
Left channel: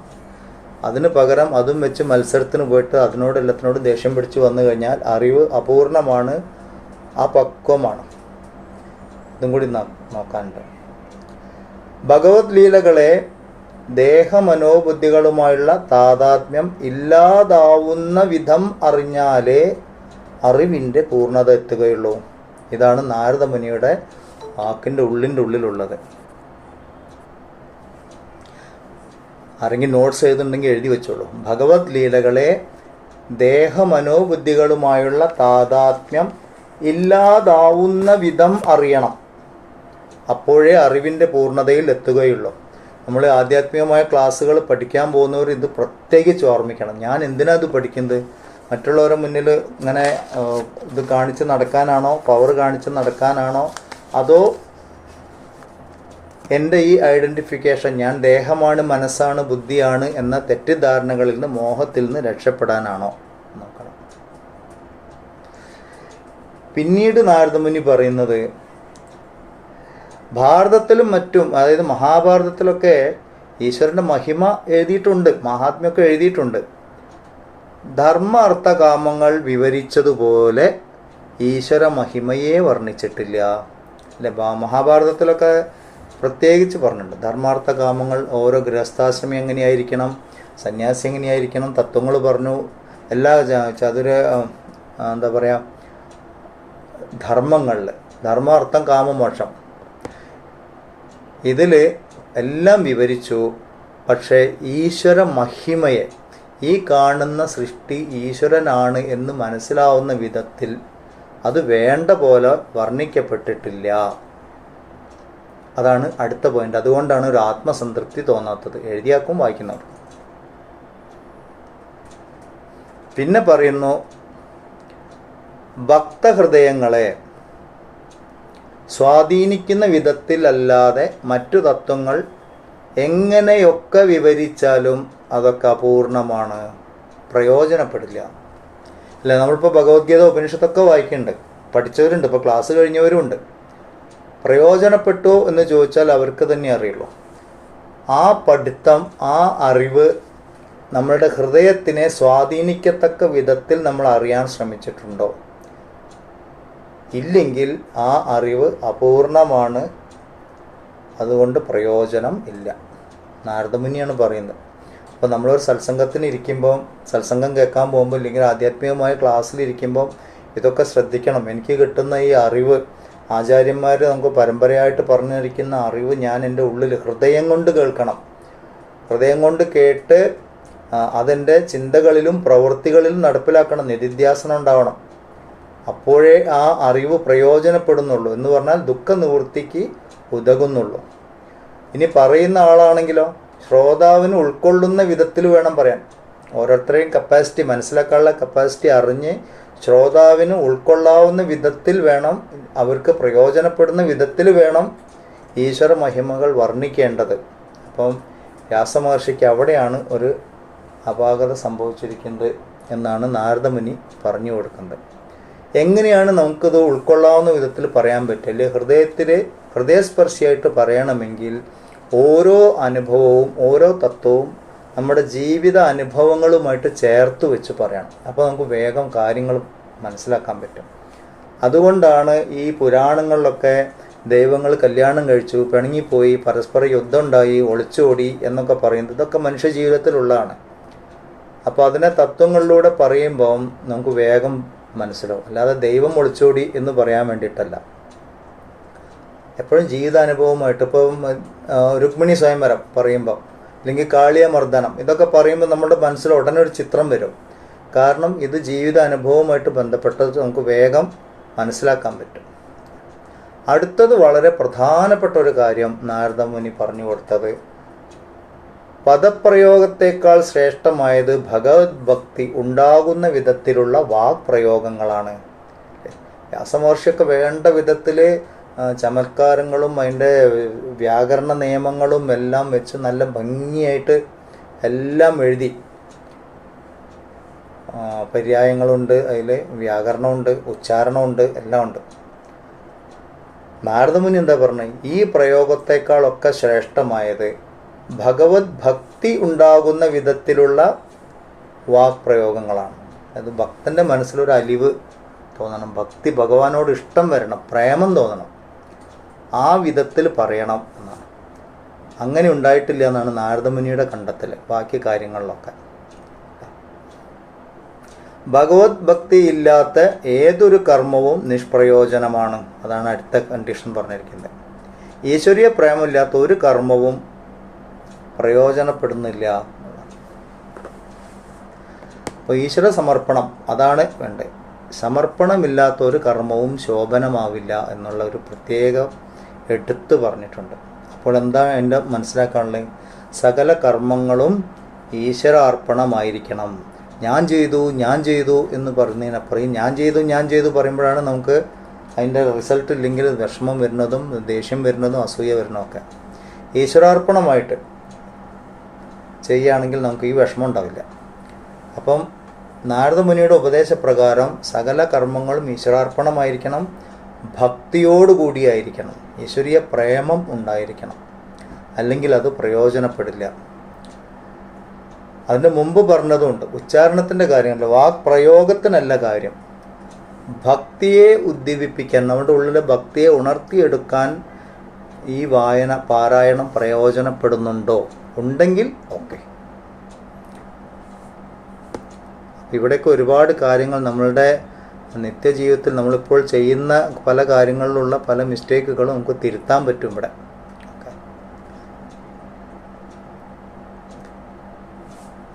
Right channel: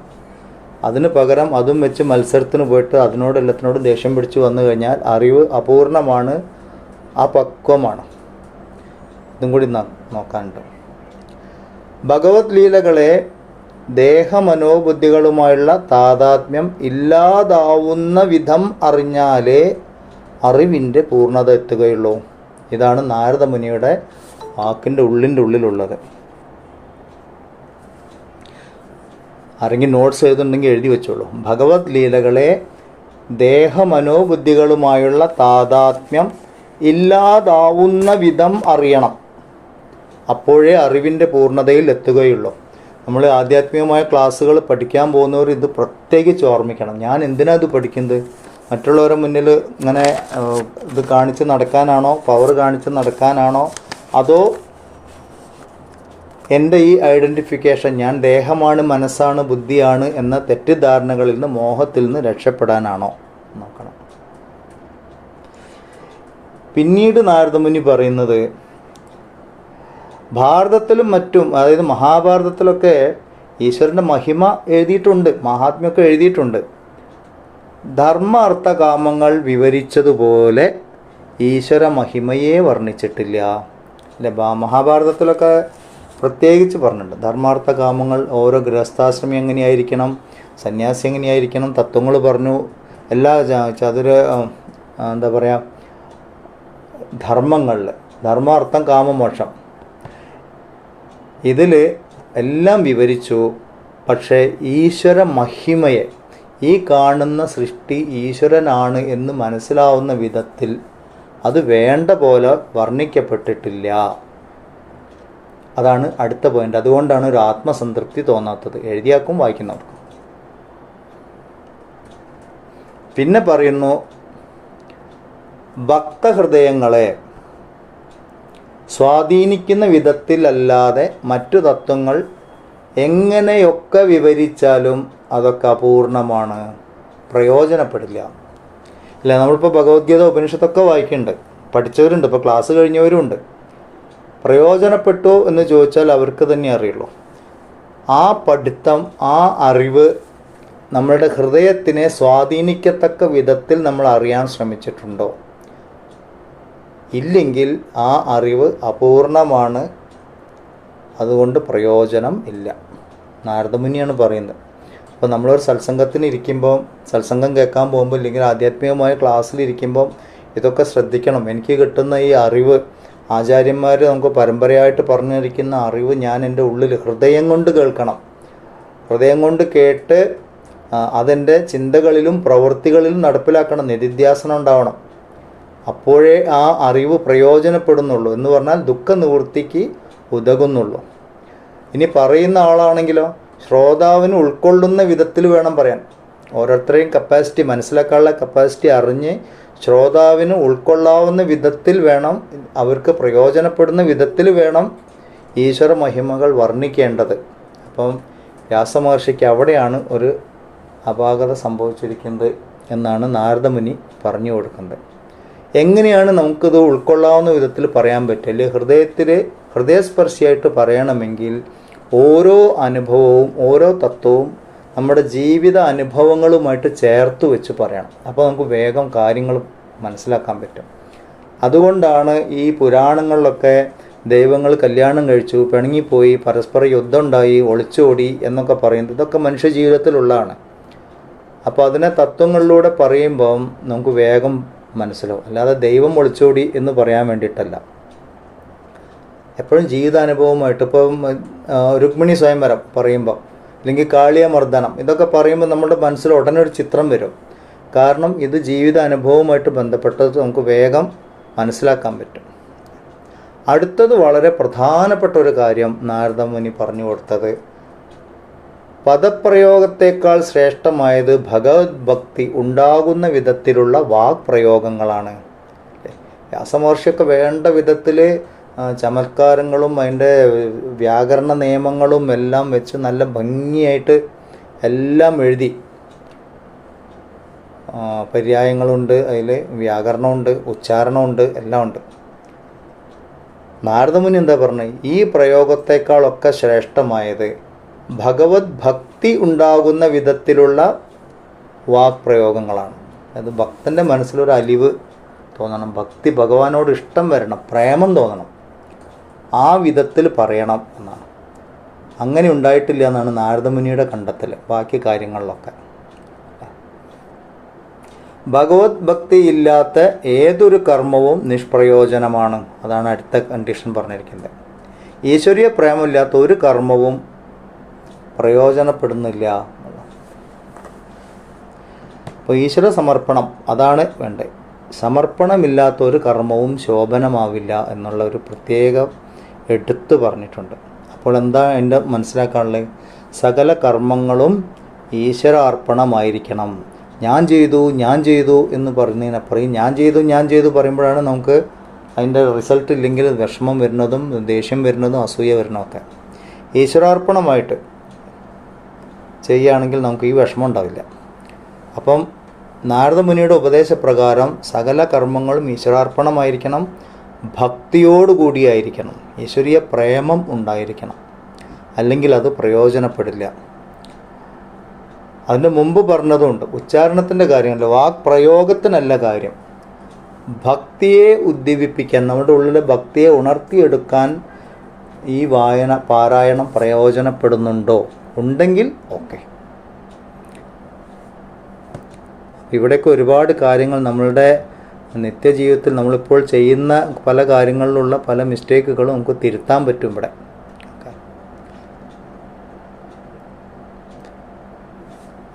അതിന് പകരം അതും വെച്ച് മത്സരത്തിന് പോയിട്ട് എല്ലാത്തിനോടും ദേഷ്യം പിടിച്ച് വന്നു കഴിഞ്ഞാൽ അറിവ് അപൂർണമാണ്, അപക്വമാണ്. ഇതും കൂടി നോക്കാനുണ്ട്. ഭഗവത് ലീലകളെ ദേഹമനോബുദ്ധികളുമായുള്ള താതാത്മ്യം ഇല്ലാതാവുന്ന വിധം അറിഞ്ഞാലേ അറിവിൻ്റെ പൂർണ്ണത എത്തുകയുള്ളൂ. ഇതാണ് നാരദമുനിയുടെ വാക്കിൻ്റെ ഉള്ളിലുള്ളത്. ആരെങ്കിലും നോട്ട്സ് എഴുതുന്നുണ്ടെങ്കിൽ എഴുതി വെച്ചോളൂ. ഭഗവത് ലീലകളെ ദേഹമനോബുദ്ധികളുമായുള്ള താതാത്മ്യം ഇല്ലാതാവുന്ന വിധം അറിയണം. അപ്പോഴേ അറിവിൻ്റെ പൂർണ്ണതയിൽ എത്തുകയുള്ളൂ. നമ്മൾ ആധ്യാത്മികമായ ക്ലാസ്സുകൾ പഠിക്കാൻ പോകുന്നവർ ഇത് പ്രത്യേകിച്ച് ഓർമ്മിക്കണം. ഞാൻ എന്തിനാ ഇത് പഠിക്കുന്നത്? മറ്റുള്ളവരുടെ മുന്നിൽ ഇങ്ങനെ ഇത് കാണിച്ച് നടക്കാനാണോ, പവർ കാണിച്ച് നടക്കാനാണോ, അതോ എൻ്റെ ഈ ഐഡൻറ്റിഫിക്കേഷൻ, ഞാൻ ദേഹമാണ്, മനസ്സാണ്, ബുദ്ധിയാണ് എന്ന തെറ്റിദ്ധാരണകളിൽ നിന്ന്, മോഹത്തിൽ നിന്ന് രക്ഷപ്പെടാനാണോ നോക്കണം. പിന്നീട് നാരദമുനി പറയുന്നത്, ഭാരതത്തിലും മറ്റും, അതായത് മഹാഭാരതത്തിലൊക്കെ ഈശ്വരൻ്റെ മഹിമ എഴുതിയിട്ടുണ്ട്, മഹാത്മ്യമൊക്കെ എഴുതിയിട്ടുണ്ട്. ധർമ്മ അർത്ഥ കാമങ്ങൾ വിവരിച്ചതുപോലെ ഈശ്വര മഹിമയെ വർണ്ണിച്ചിട്ടില്ല. അല്ലെ? മഹാഭാരതത്തിലൊക്കെ പ്രത്യേകിച്ച് പറഞ്ഞിട്ടുണ്ട്. ധർമാർത്ഥ കാമങ്ങൾ, ഓരോ ഗൃഹസ്ഥാശ്രമി എങ്ങനെയായിരിക്കണം, സന്യാസി എങ്ങനെയായിരിക്കണം, തത്വങ്ങൾ പറഞ്ഞു. എല്ലാ ധർമ്മങ്ങളിൽ ധർമാർത്ഥം കാമമോക്ഷം ഇതിൽ എല്ലാം വിവരിച്ചു. പക്ഷേ ഈശ്വര മഹിമയെ, ഈ കാണുന്ന സൃഷ്ടി ഈശ്വരനാണ് എന്ന് മനസ്സിലാവുന്ന വിധത്തിൽ അത് വേണ്ട പോലെ വർണ്ണിക്കപ്പെട്ടിട്ടില്ല. അതാണ് അടുത്ത പോയിന്റ്. അതുകൊണ്ടാണ് ഒരു ആത്മസംതൃപ്തി തോന്നാത്തത് എഴുതിയാക്കും വായിക്കുന്നവർ. പിന്നെ പറയുന്നു, ഭക്തഹൃദയങ്ങളെ സ്വാധീനിക്കുന്ന വിധത്തിലല്ലാതെ മറ്റു തത്വങ്ങൾ എങ്ങനെയൊക്കെ വിവരിച്ചാലും അതൊക്കെ അപൂർണമാണ്, പ്രയോജനപ്പെടില്ല. അല്ലേ? നമ്മളിപ്പോൾ ഭഗവത്ഗീത ഉപനിഷത്തൊക്കെ വായിക്കുന്നുണ്ട്, പഠിച്ചവരുണ്ട്, ഇപ്പോൾ ക്ലാസ് കഴിഞ്ഞവരുമുണ്ട്. പ്രയോജനപ്പെട്ടോ എന്ന് ചോദിച്ചാൽ അവർക്ക് തന്നെ അറിയുള്ളൂ. ആ പഠിത്തം, ആ അറിവ് നമ്മളുടെ ഹൃദയത്തിനെ സ്വാധീനിക്കത്തക്ക വിധത്തിൽ നമ്മൾ അറിയാൻ ശ്രമിച്ചിട്ടുണ്ടോ? ഇല്ലെങ്കിൽ ആ അറിവ് അപൂർണമാണ്, അതുകൊണ്ട് പ്രയോജനം ഇല്ല. നാരദമുനിയാണ് പറയുന്നത്. അപ്പോൾ നമ്മളൊരു സത്സംഗത്തിന് ഇരിക്കുമ്പോൾ, സത്സംഗം കേൾക്കാൻ പോകുമ്പോൾ, ഇല്ലെങ്കിൽ ആധ്യാത്മികമായ ക്ലാസ്സിലിരിക്കുമ്പോൾ ഇതൊക്കെ ശ്രദ്ധിക്കണം. എനിക്ക് കിട്ടുന്ന ഈ അറിവ്, ആചാര്യന്മാർ നമുക്ക് പരമ്പരയായിട്ട് പറഞ്ഞിരിക്കുന്ന അറിവ് ഞാൻ എൻ്റെ ഉള്ളിൽ ഹൃദയം കൊണ്ട് കേൾക്കണം. ഹൃദയം കൊണ്ട് കേട്ട് അതെൻ്റെ ചിന്തകളിലും പ്രവൃത്തികളിലും നടപ്പിലാക്കണം. നിധിധ്യാസനം ഉണ്ടാവണം. അപ്പോഴേ ആ അറിവ് പ്രയോജനപ്പെടുന്നുള്ളൂ. എന്ന് പറഞ്ഞാൽ ദുഃഖ നിവൃത്തിക്ക് ഉതകുന്നുള്ളൂ. ഇനി പറയുന്ന ആളാണെങ്കിലോ ശ്രോതാവിന് ഉൾക്കൊള്ളുന്ന വിധത്തിൽ വേണം പറയാൻ. ഓരോരുത്തരെയും കപ്പാസിറ്റി, മനസ്സിലാക്കാനുള്ള കപ്പാസിറ്റി അറിഞ്ഞ് ശ്രോതാവിന് ഉൾക്കൊള്ളാവുന്ന വിധത്തിൽ വേണം, അവർക്ക് പ്രയോജനപ്പെടുന്ന വിധത്തിൽ വേണം ഈശ്വര മഹിമകൾ വർണ്ണിക്കേണ്ടത്. അപ്പം വ്യാസമഹർഷിക്ക് അവിടെയാണ് ഒരു അപാകത സംഭവിച്ചിരിക്കുന്നത് എന്നാണ് നാരദമുനി പറഞ്ഞു കൊടുക്കുന്നത്. എങ്ങനെയാണ് നമുക്കിത് ഉൾക്കൊള്ളാവുന്ന വിധത്തിൽ പറയാൻ പറ്റില്ല? ഹൃദയസ്പർശിയായിട്ട് പറയണമെങ്കിൽ ഓരോ അനുഭവവും, ഓരോ തത്വവും നമ്മുടെ ജീവിത അനുഭവങ്ങളുമായിട്ട് ചേർത്ത് വെച്ച് പറയണം. അപ്പോൾ നമുക്ക് വേഗം കാര്യങ്ങൾ മനസ്സിലാക്കാൻ പറ്റും. അതുകൊണ്ടാണ് ഈ പുരാണങ്ങളിലൊക്കെ ദൈവങ്ങൾ കല്യാണം കഴിച്ചു, പിണങ്ങിപ്പോയി, പരസ്പര യുദ്ധം ഉണ്ടായി, ഒളിച്ചോടി എന്നൊക്കെ പറയുന്നത് ഇതൊക്കെ മനുഷ്യ ജീവിതത്തിലുള്ളതാണ്. അപ്പോൾ അതിനെ തത്വങ്ങളിലൂടെ പറയുമ്പം നമുക്ക് വേഗം മനസ്സിലാവും. അല്ലാതെ ദൈവം ഒളിച്ചോടി എന്ന് പറയാൻ വേണ്ടിയിട്ടല്ല. എപ്പോഴും ജീവിതാനുഭവമായിട്ട് ഇപ്പം രുക്മിണി സ്വയംവരം പറയുമ്പോൾ അല്ലെങ്കിൽ കാളിയ മർദ്ദനം ഇതൊക്കെ പറയുമ്പോൾ നമ്മുടെ മനസ്സിൽ ഉടനെ ഒരു ചിത്രം വരും. കാരണം ഇത് ജീവിതാനുഭവമായിട്ട് ബന്ധപ്പെട്ടത് നമുക്ക് വേഗം മനസ്സിലാക്കാൻ പറ്റും. അടുത്തത് വളരെ പ്രധാനപ്പെട്ട ഒരു കാര്യം നാരദ മുനി പറഞ്ഞു കൊടുത്തത്, പദപ്രയോഗത്തെക്കാൾ ശ്രേഷ്ഠമായത് ഭഗവത് ഭക്തി ഉണ്ടാകുന്ന വിധത്തിലുള്ള വാക്പ്രയോഗങ്ങളാണ്. വ്യാസമഹർഷിയൊക്കെ വേണ്ട വിധത്തിൽ ചമത്കാരങ്ങളും അതിൻ്റെ വ്യാകരണ നിയമങ്ങളും എല്ലാം വെച്ച് നല്ല ഭംഗിയായിട്ട് എല്ലാം എഴുതി. പര്യായങ്ങളുണ്ട്, അതിൽ വ്യാകരണമുണ്ട്, ഉച്ചാരണമുണ്ട്, എല്ലാം ഉണ്ട്. നാരദമുനി എന്താ പറഞ്ഞത്? ഈ പ്രയോഗത്തെക്കാളൊക്കെ ശ്രേഷ്ഠമായത് ഭഗവത് ഭക്തി ഉണ്ടാകുന്ന വിധത്തിലുള്ള വാക്പ്രയോഗങ്ങളാണ്. അത് ഭക്തൻ്റെ മനസ്സിലൊരു അലിവ് തോന്നണം, ഭക്തി ഭഗവാനോട് ഇഷ്ടം വരണം, പ്രേമം തോന്നണം, ആ വിധത്തിൽ പറയണം എന്നാണ്. അങ്ങനെ ഉണ്ടായിട്ടില്ല എന്നാണ് നാരദമുനിയുടെ കണ്ടെത്തൽ. ബാക്കി കാര്യങ്ങളിലൊക്കെ ഭഗവത് ഭക്തി ഇല്ലാത്ത ഏതൊരു കർമ്മവും നിഷ്പ്രയോജനമാണ്. അതാണ് അടുത്ത കണ്ടീഷൻ പറഞ്ഞിരിക്കുന്നത്. ഈശ്വരീയ പ്രേമമില്ലാത്ത ഒരു കർമ്മവും പ്രയോജനപ്പെടുന്നില്ല. അപ്പോൾ ഈശ്വര സമർപ്പണം അതാണ് വേണ്ടത്. സമർപ്പണമില്ലാത്ത ഒരു കർമ്മവും ശോഭനമാവില്ല എന്നുള്ള ഒരു പ്രത്യേകം എടുത്തു പറഞ്ഞിട്ടുണ്ട്. അപ്പോൾ എന്താ എൻ്റെ മനസ്സിലാക്കാനുള്ളത്? സകല കർമ്മങ്ങളും ഈശ്വരാർപ്പണമായിരിക്കണം. ഞാൻ ചെയ്തു എന്ന് പറഞ്ഞതിനപ്പുറം ഞാൻ ചെയ്തു പറയുമ്പോഴാണ് നമുക്ക് അതിൻ്റെ റിസൾട്ട് ഇല്ലെങ്കിൽ വിഷമം വരുന്നതും ദേഷ്യം വരുന്നതും അസൂയ വരുന്നതൊക്കെ. ഈശ്വരാർപ്പണമായിട്ട് ചെയ്യുകയാണെങ്കിൽ നമുക്ക് ഈ വിഷമം ഉണ്ടാവില്ല. അപ്പം നാരദമുനിയുടെ ഉപദേശപ്രകാരം സകല കർമ്മങ്ങളും ഈശ്വരാർപ്പണമായിരിക്കണം, ഭക്തിയോടുകൂടിയായിരിക്കണം, ഈശ്വരീയ പ്രേമം ഉണ്ടായിരിക്കണം, അല്ലെങ്കിൽ അത് പ്രയോജനപ്പെടില്ല. അതിന് മുമ്പ് പറഞ്ഞതുകൊണ്ട് ഉച്ചാരണത്തിൻ്റെ കാര്യമല്ല, വാക്പ്രയോഗത്തിനല്ല കാര്യം. ഭക്തിയെ ഉദ്ദീപിപ്പിക്കാൻ, നമ്മുടെ ഉള്ളിലെ ഭക്തിയെ ഉണർത്തിയെടുക്കാൻ ഈ പാരായണം പ്രയോജനപ്പെടുന്നുണ്ടോ? ഉണ്ടെങ്കിൽ ഓക്കെ. ഇവിടെയൊക്കെ ഒരുപാട് കാര്യങ്ങൾ നമ്മളുടെ നിത്യജീവിതത്തിൽ നമ്മളിപ്പോൾ ചെയ്യുന്ന പല കാര്യങ്ങളിലുള്ള പല മിസ്റ്റേക്കുകളും നമുക്ക് തിരുത്താൻ പറ്റും ഇവിടെ.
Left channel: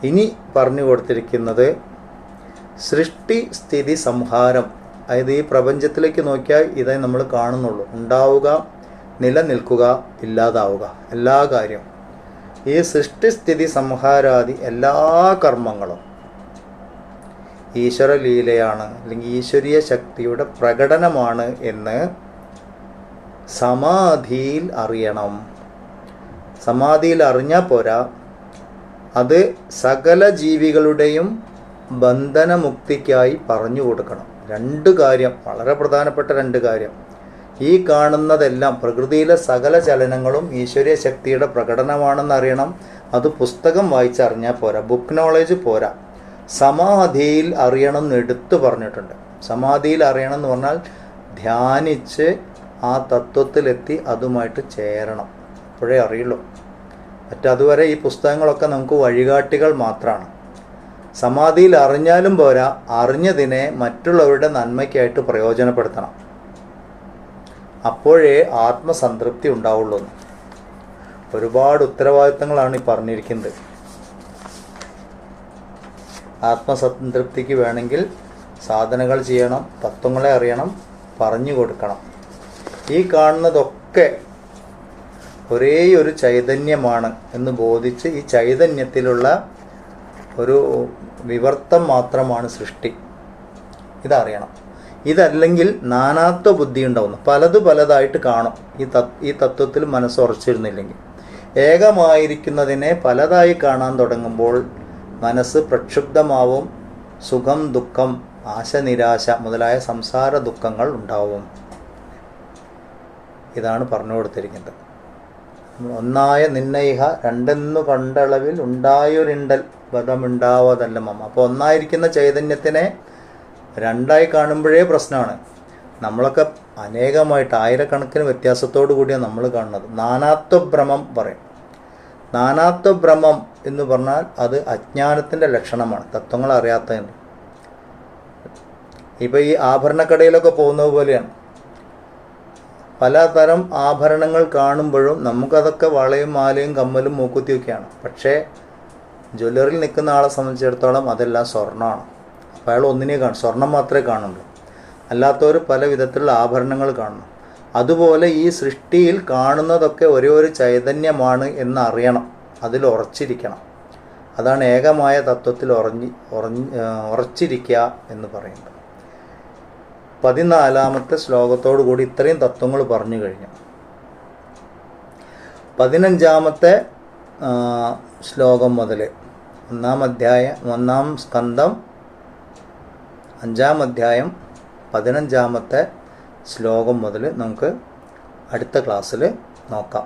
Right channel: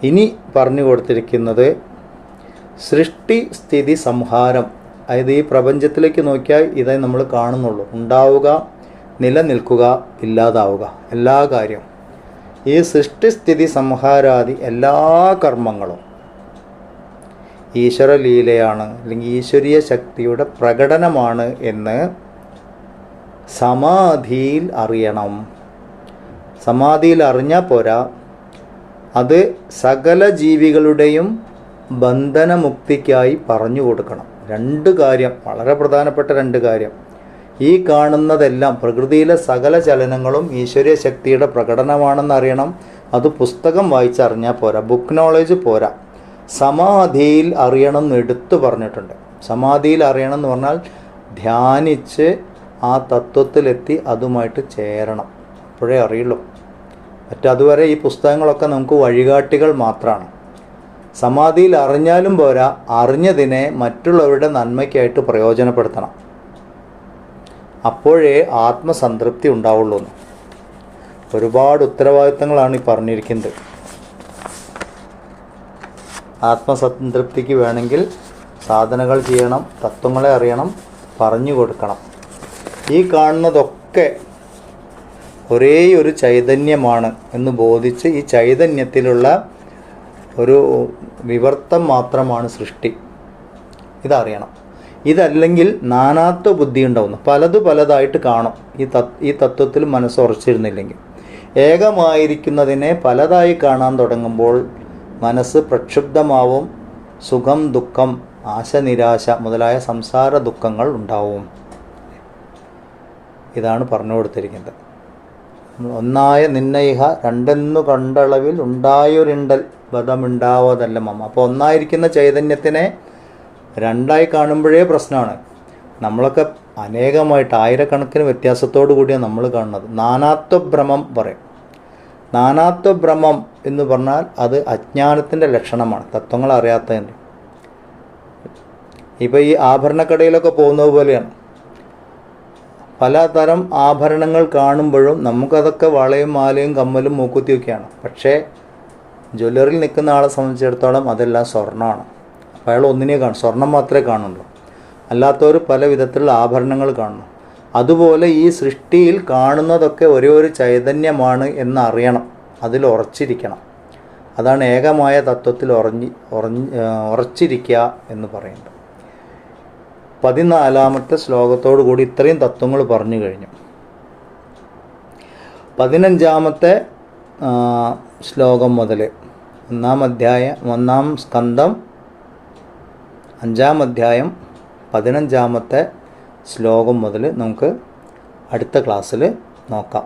ഇനി പറഞ്ഞു കൊടുത്തിരിക്കുന്നത് സൃഷ്ടി സ്ഥിതി സംഹാരം. അതായത് ഈ പ്രപഞ്ചത്തിലേക്ക് നോക്കിയാൽ ഇതേ നമ്മൾ കാണുന്നുള്ളൂ. ഉണ്ടാവുക, നിലനിൽക്കുക, ഇല്ലാതാവുക, എല്ലാ കാര്യവും. ഈ സൃഷ്ടിസ്ഥിതി സംഹാരാദി എല്ലാ കർമ്മങ്ങളും ഈശ്വരലീലയാണ്, അല്ലെങ്കിൽ ഈശ്വരീയ ശക്തിയുടെ പ്രകടനമാണ് എന്ന് സമാധിയിൽ അറിയണം. സമാധിയിൽ അറിഞ്ഞാൽ പോരാ, അത് സകല ജീവികളുടെയും ബന്ധനമുക്തിക്കായി പറഞ്ഞു കൊടുക്കണം. രണ്ട് കാര്യം, വളരെ പ്രധാനപ്പെട്ട രണ്ട് കാര്യം. ഈ കാണുന്നതെല്ലാം പ്രകൃതിയിലെ സകല ചലനങ്ങളും ഈശ്വരീയ ശക്തിയുടെ പ്രകടനമാണെന്നറിയണം. അത് പുസ്തകം വായിച്ചറിഞ്ഞാൽ പോരാ, ബുക്ക് നോളേജ് പോരാ, സമാധിയിൽ അറിയണം എന്ന് എടുത്തു പറഞ്ഞിട്ടുണ്ട്. സമാധിയിൽ അറിയണം എന്ന് പറഞ്ഞാൽ ധ്യാനിച്ച് ആ തത്വത്തിലെത്തി അതുമായിട്ട് ചേരണം, അപ്പോഴേ അറിയുള്ളൂ. മറ്റതുവരെ ഈ പുസ്തകങ്ങളൊക്കെ നമുക്ക് വഴികാട്ടികൾ മാത്രമാണ്. സമാധിയിൽ അറിഞ്ഞാലും പോരാ, അറിഞ്ഞതിനെ മറ്റുള്ളവരുടെ നന്മയ്ക്കായിട്ട് പ്രയോജനപ്പെടുത്തണം, അപ്പോഴേ ആത്മസംതൃപ്തി ഉണ്ടാവുള്ളൂ. ഒരുപാട് ഉത്തരവാദിത്തങ്ങളാണ് ഈ പറഞ്ഞിരിക്കുന്നത്. ആത്മസംതൃപ്തിക്ക് വേണമെങ്കിൽ സാധനകൾ ചെയ്യണം, തത്വങ്ങളെ അറിയണം, പറഞ്ഞു കൊടുക്കണം. ഈ കാണുന്നതൊക്കെ ഒരേ ഒരു ചൈതന്യമാണ് എന്ന് ബോധിച്ച് ഈ ചൈതന്യത്തിലുള്ള ഒരു വിവർത്തം മാത്രമാണ് സൃഷ്ടി, ഇതറിയണം. ഇതല്ലെങ്കിൽ നാനാത്വ ബുദ്ധി ഉണ്ടാവുന്നു, പലതായിട്ട് കാണും. ഈ തത്വത്തിൽ മനസ്സുറച്ചിരുന്നില്ലെങ്കിൽ ഏകമായിരിക്കുന്നതിനെ പലതായി കാണാൻ തുടങ്ങുമ്പോൾ മനസ്സ് പ്രക്ഷുബ്ധമാവും. സുഖം, ദുഃഖം, ആശ, നിരാശ മുതലായ സംസാര ദുഃഖങ്ങൾ ഉണ്ടാവും. ഇതാണ് പറഞ്ഞു കൊടുത്തിരിക്കുന്നത്. ഒന്നായ നിന്നയിഹ രണ്ടെന്നു കണ്ടളവിൽ ഉണ്ടായൊരിണ്ടൽ ബധമുണ്ടാവതല്ല മമ്മ. അപ്പോൾ ഒന്നായിരിക്കുന്ന ചൈതന്യത്തിനെ രണ്ടായി കാണുമ്പോഴേ പ്രശ്നമാണ്. നമ്മളൊക്കെ അനേകമായിട്ട് ആയിരക്കണക്കിന് വ്യത്യാസത്തോടു കൂടിയാണ് നമ്മൾ കാണുന്നത്. നാനാത്വഭ്രമം പറയും. നാനാത്വഭ്രമം എന്ന് പറഞ്ഞാൽ അത് അജ്ഞാനത്തിൻ്റെ ലക്ഷണമാണ്, തത്വങ്ങൾ അറിയാത്തതിൻ്റെ. ഇപ്പോൾ ഈ ആഭരണക്കടയിലൊക്കെ പോകുന്നത് പോലെയാണ്. പലതരം ആഭരണങ്ങൾ കാണുമ്പോഴും നമുക്കതൊക്കെ വളയും മാലയും കമ്മലും മൂക്കുത്തിയൊക്കെയാണ്. പക്ഷേ ജ്വല്ലറിയിൽ നിൽക്കുന്ന ആളെ സംബന്ധിച്ചിടത്തോളം അതെല്ലാം സ്വർണ്ണമാണ്. അപ്പോൾ അയാൾ ഒന്നിനെ കാണും, സ്വർണം മാത്രമേ കാണുള്ളൂ. അല്ലാത്തവർ പല വിധത്തിലുള്ള ആഭരണങ്ങൾ കാണുന്നു. അതുപോലെ ഈ സൃഷ്ടിയിൽ കാണുന്നതൊക്കെ ഒരേ ഒരു ചൈതന്യമാണ് എന്നറിയണം, അതിൽ ഉറച്ചിരിക്കണം. അതാണ് ഏകമായ തത്വത്തിൽ ഉറച്ചിരിക്കുക എന്ന് പറയുന്നത്. 14-ാമത്തെ ശ്ലോകത്തോടു കൂടി ഇത്രയും തത്വങ്ങൾ പറഞ്ഞു കഴിഞ്ഞു. 15-ാമത്തെ ശ്ലോകം മുതൽ 1-ാം സ്കന്ധം 5-ാം അധ്യായം 15-ാമത്തെ ശ്ലോകം മുതൽ നമുക്ക് അടുത്ത ക്ലാസ്സിൽ നോക്കാം.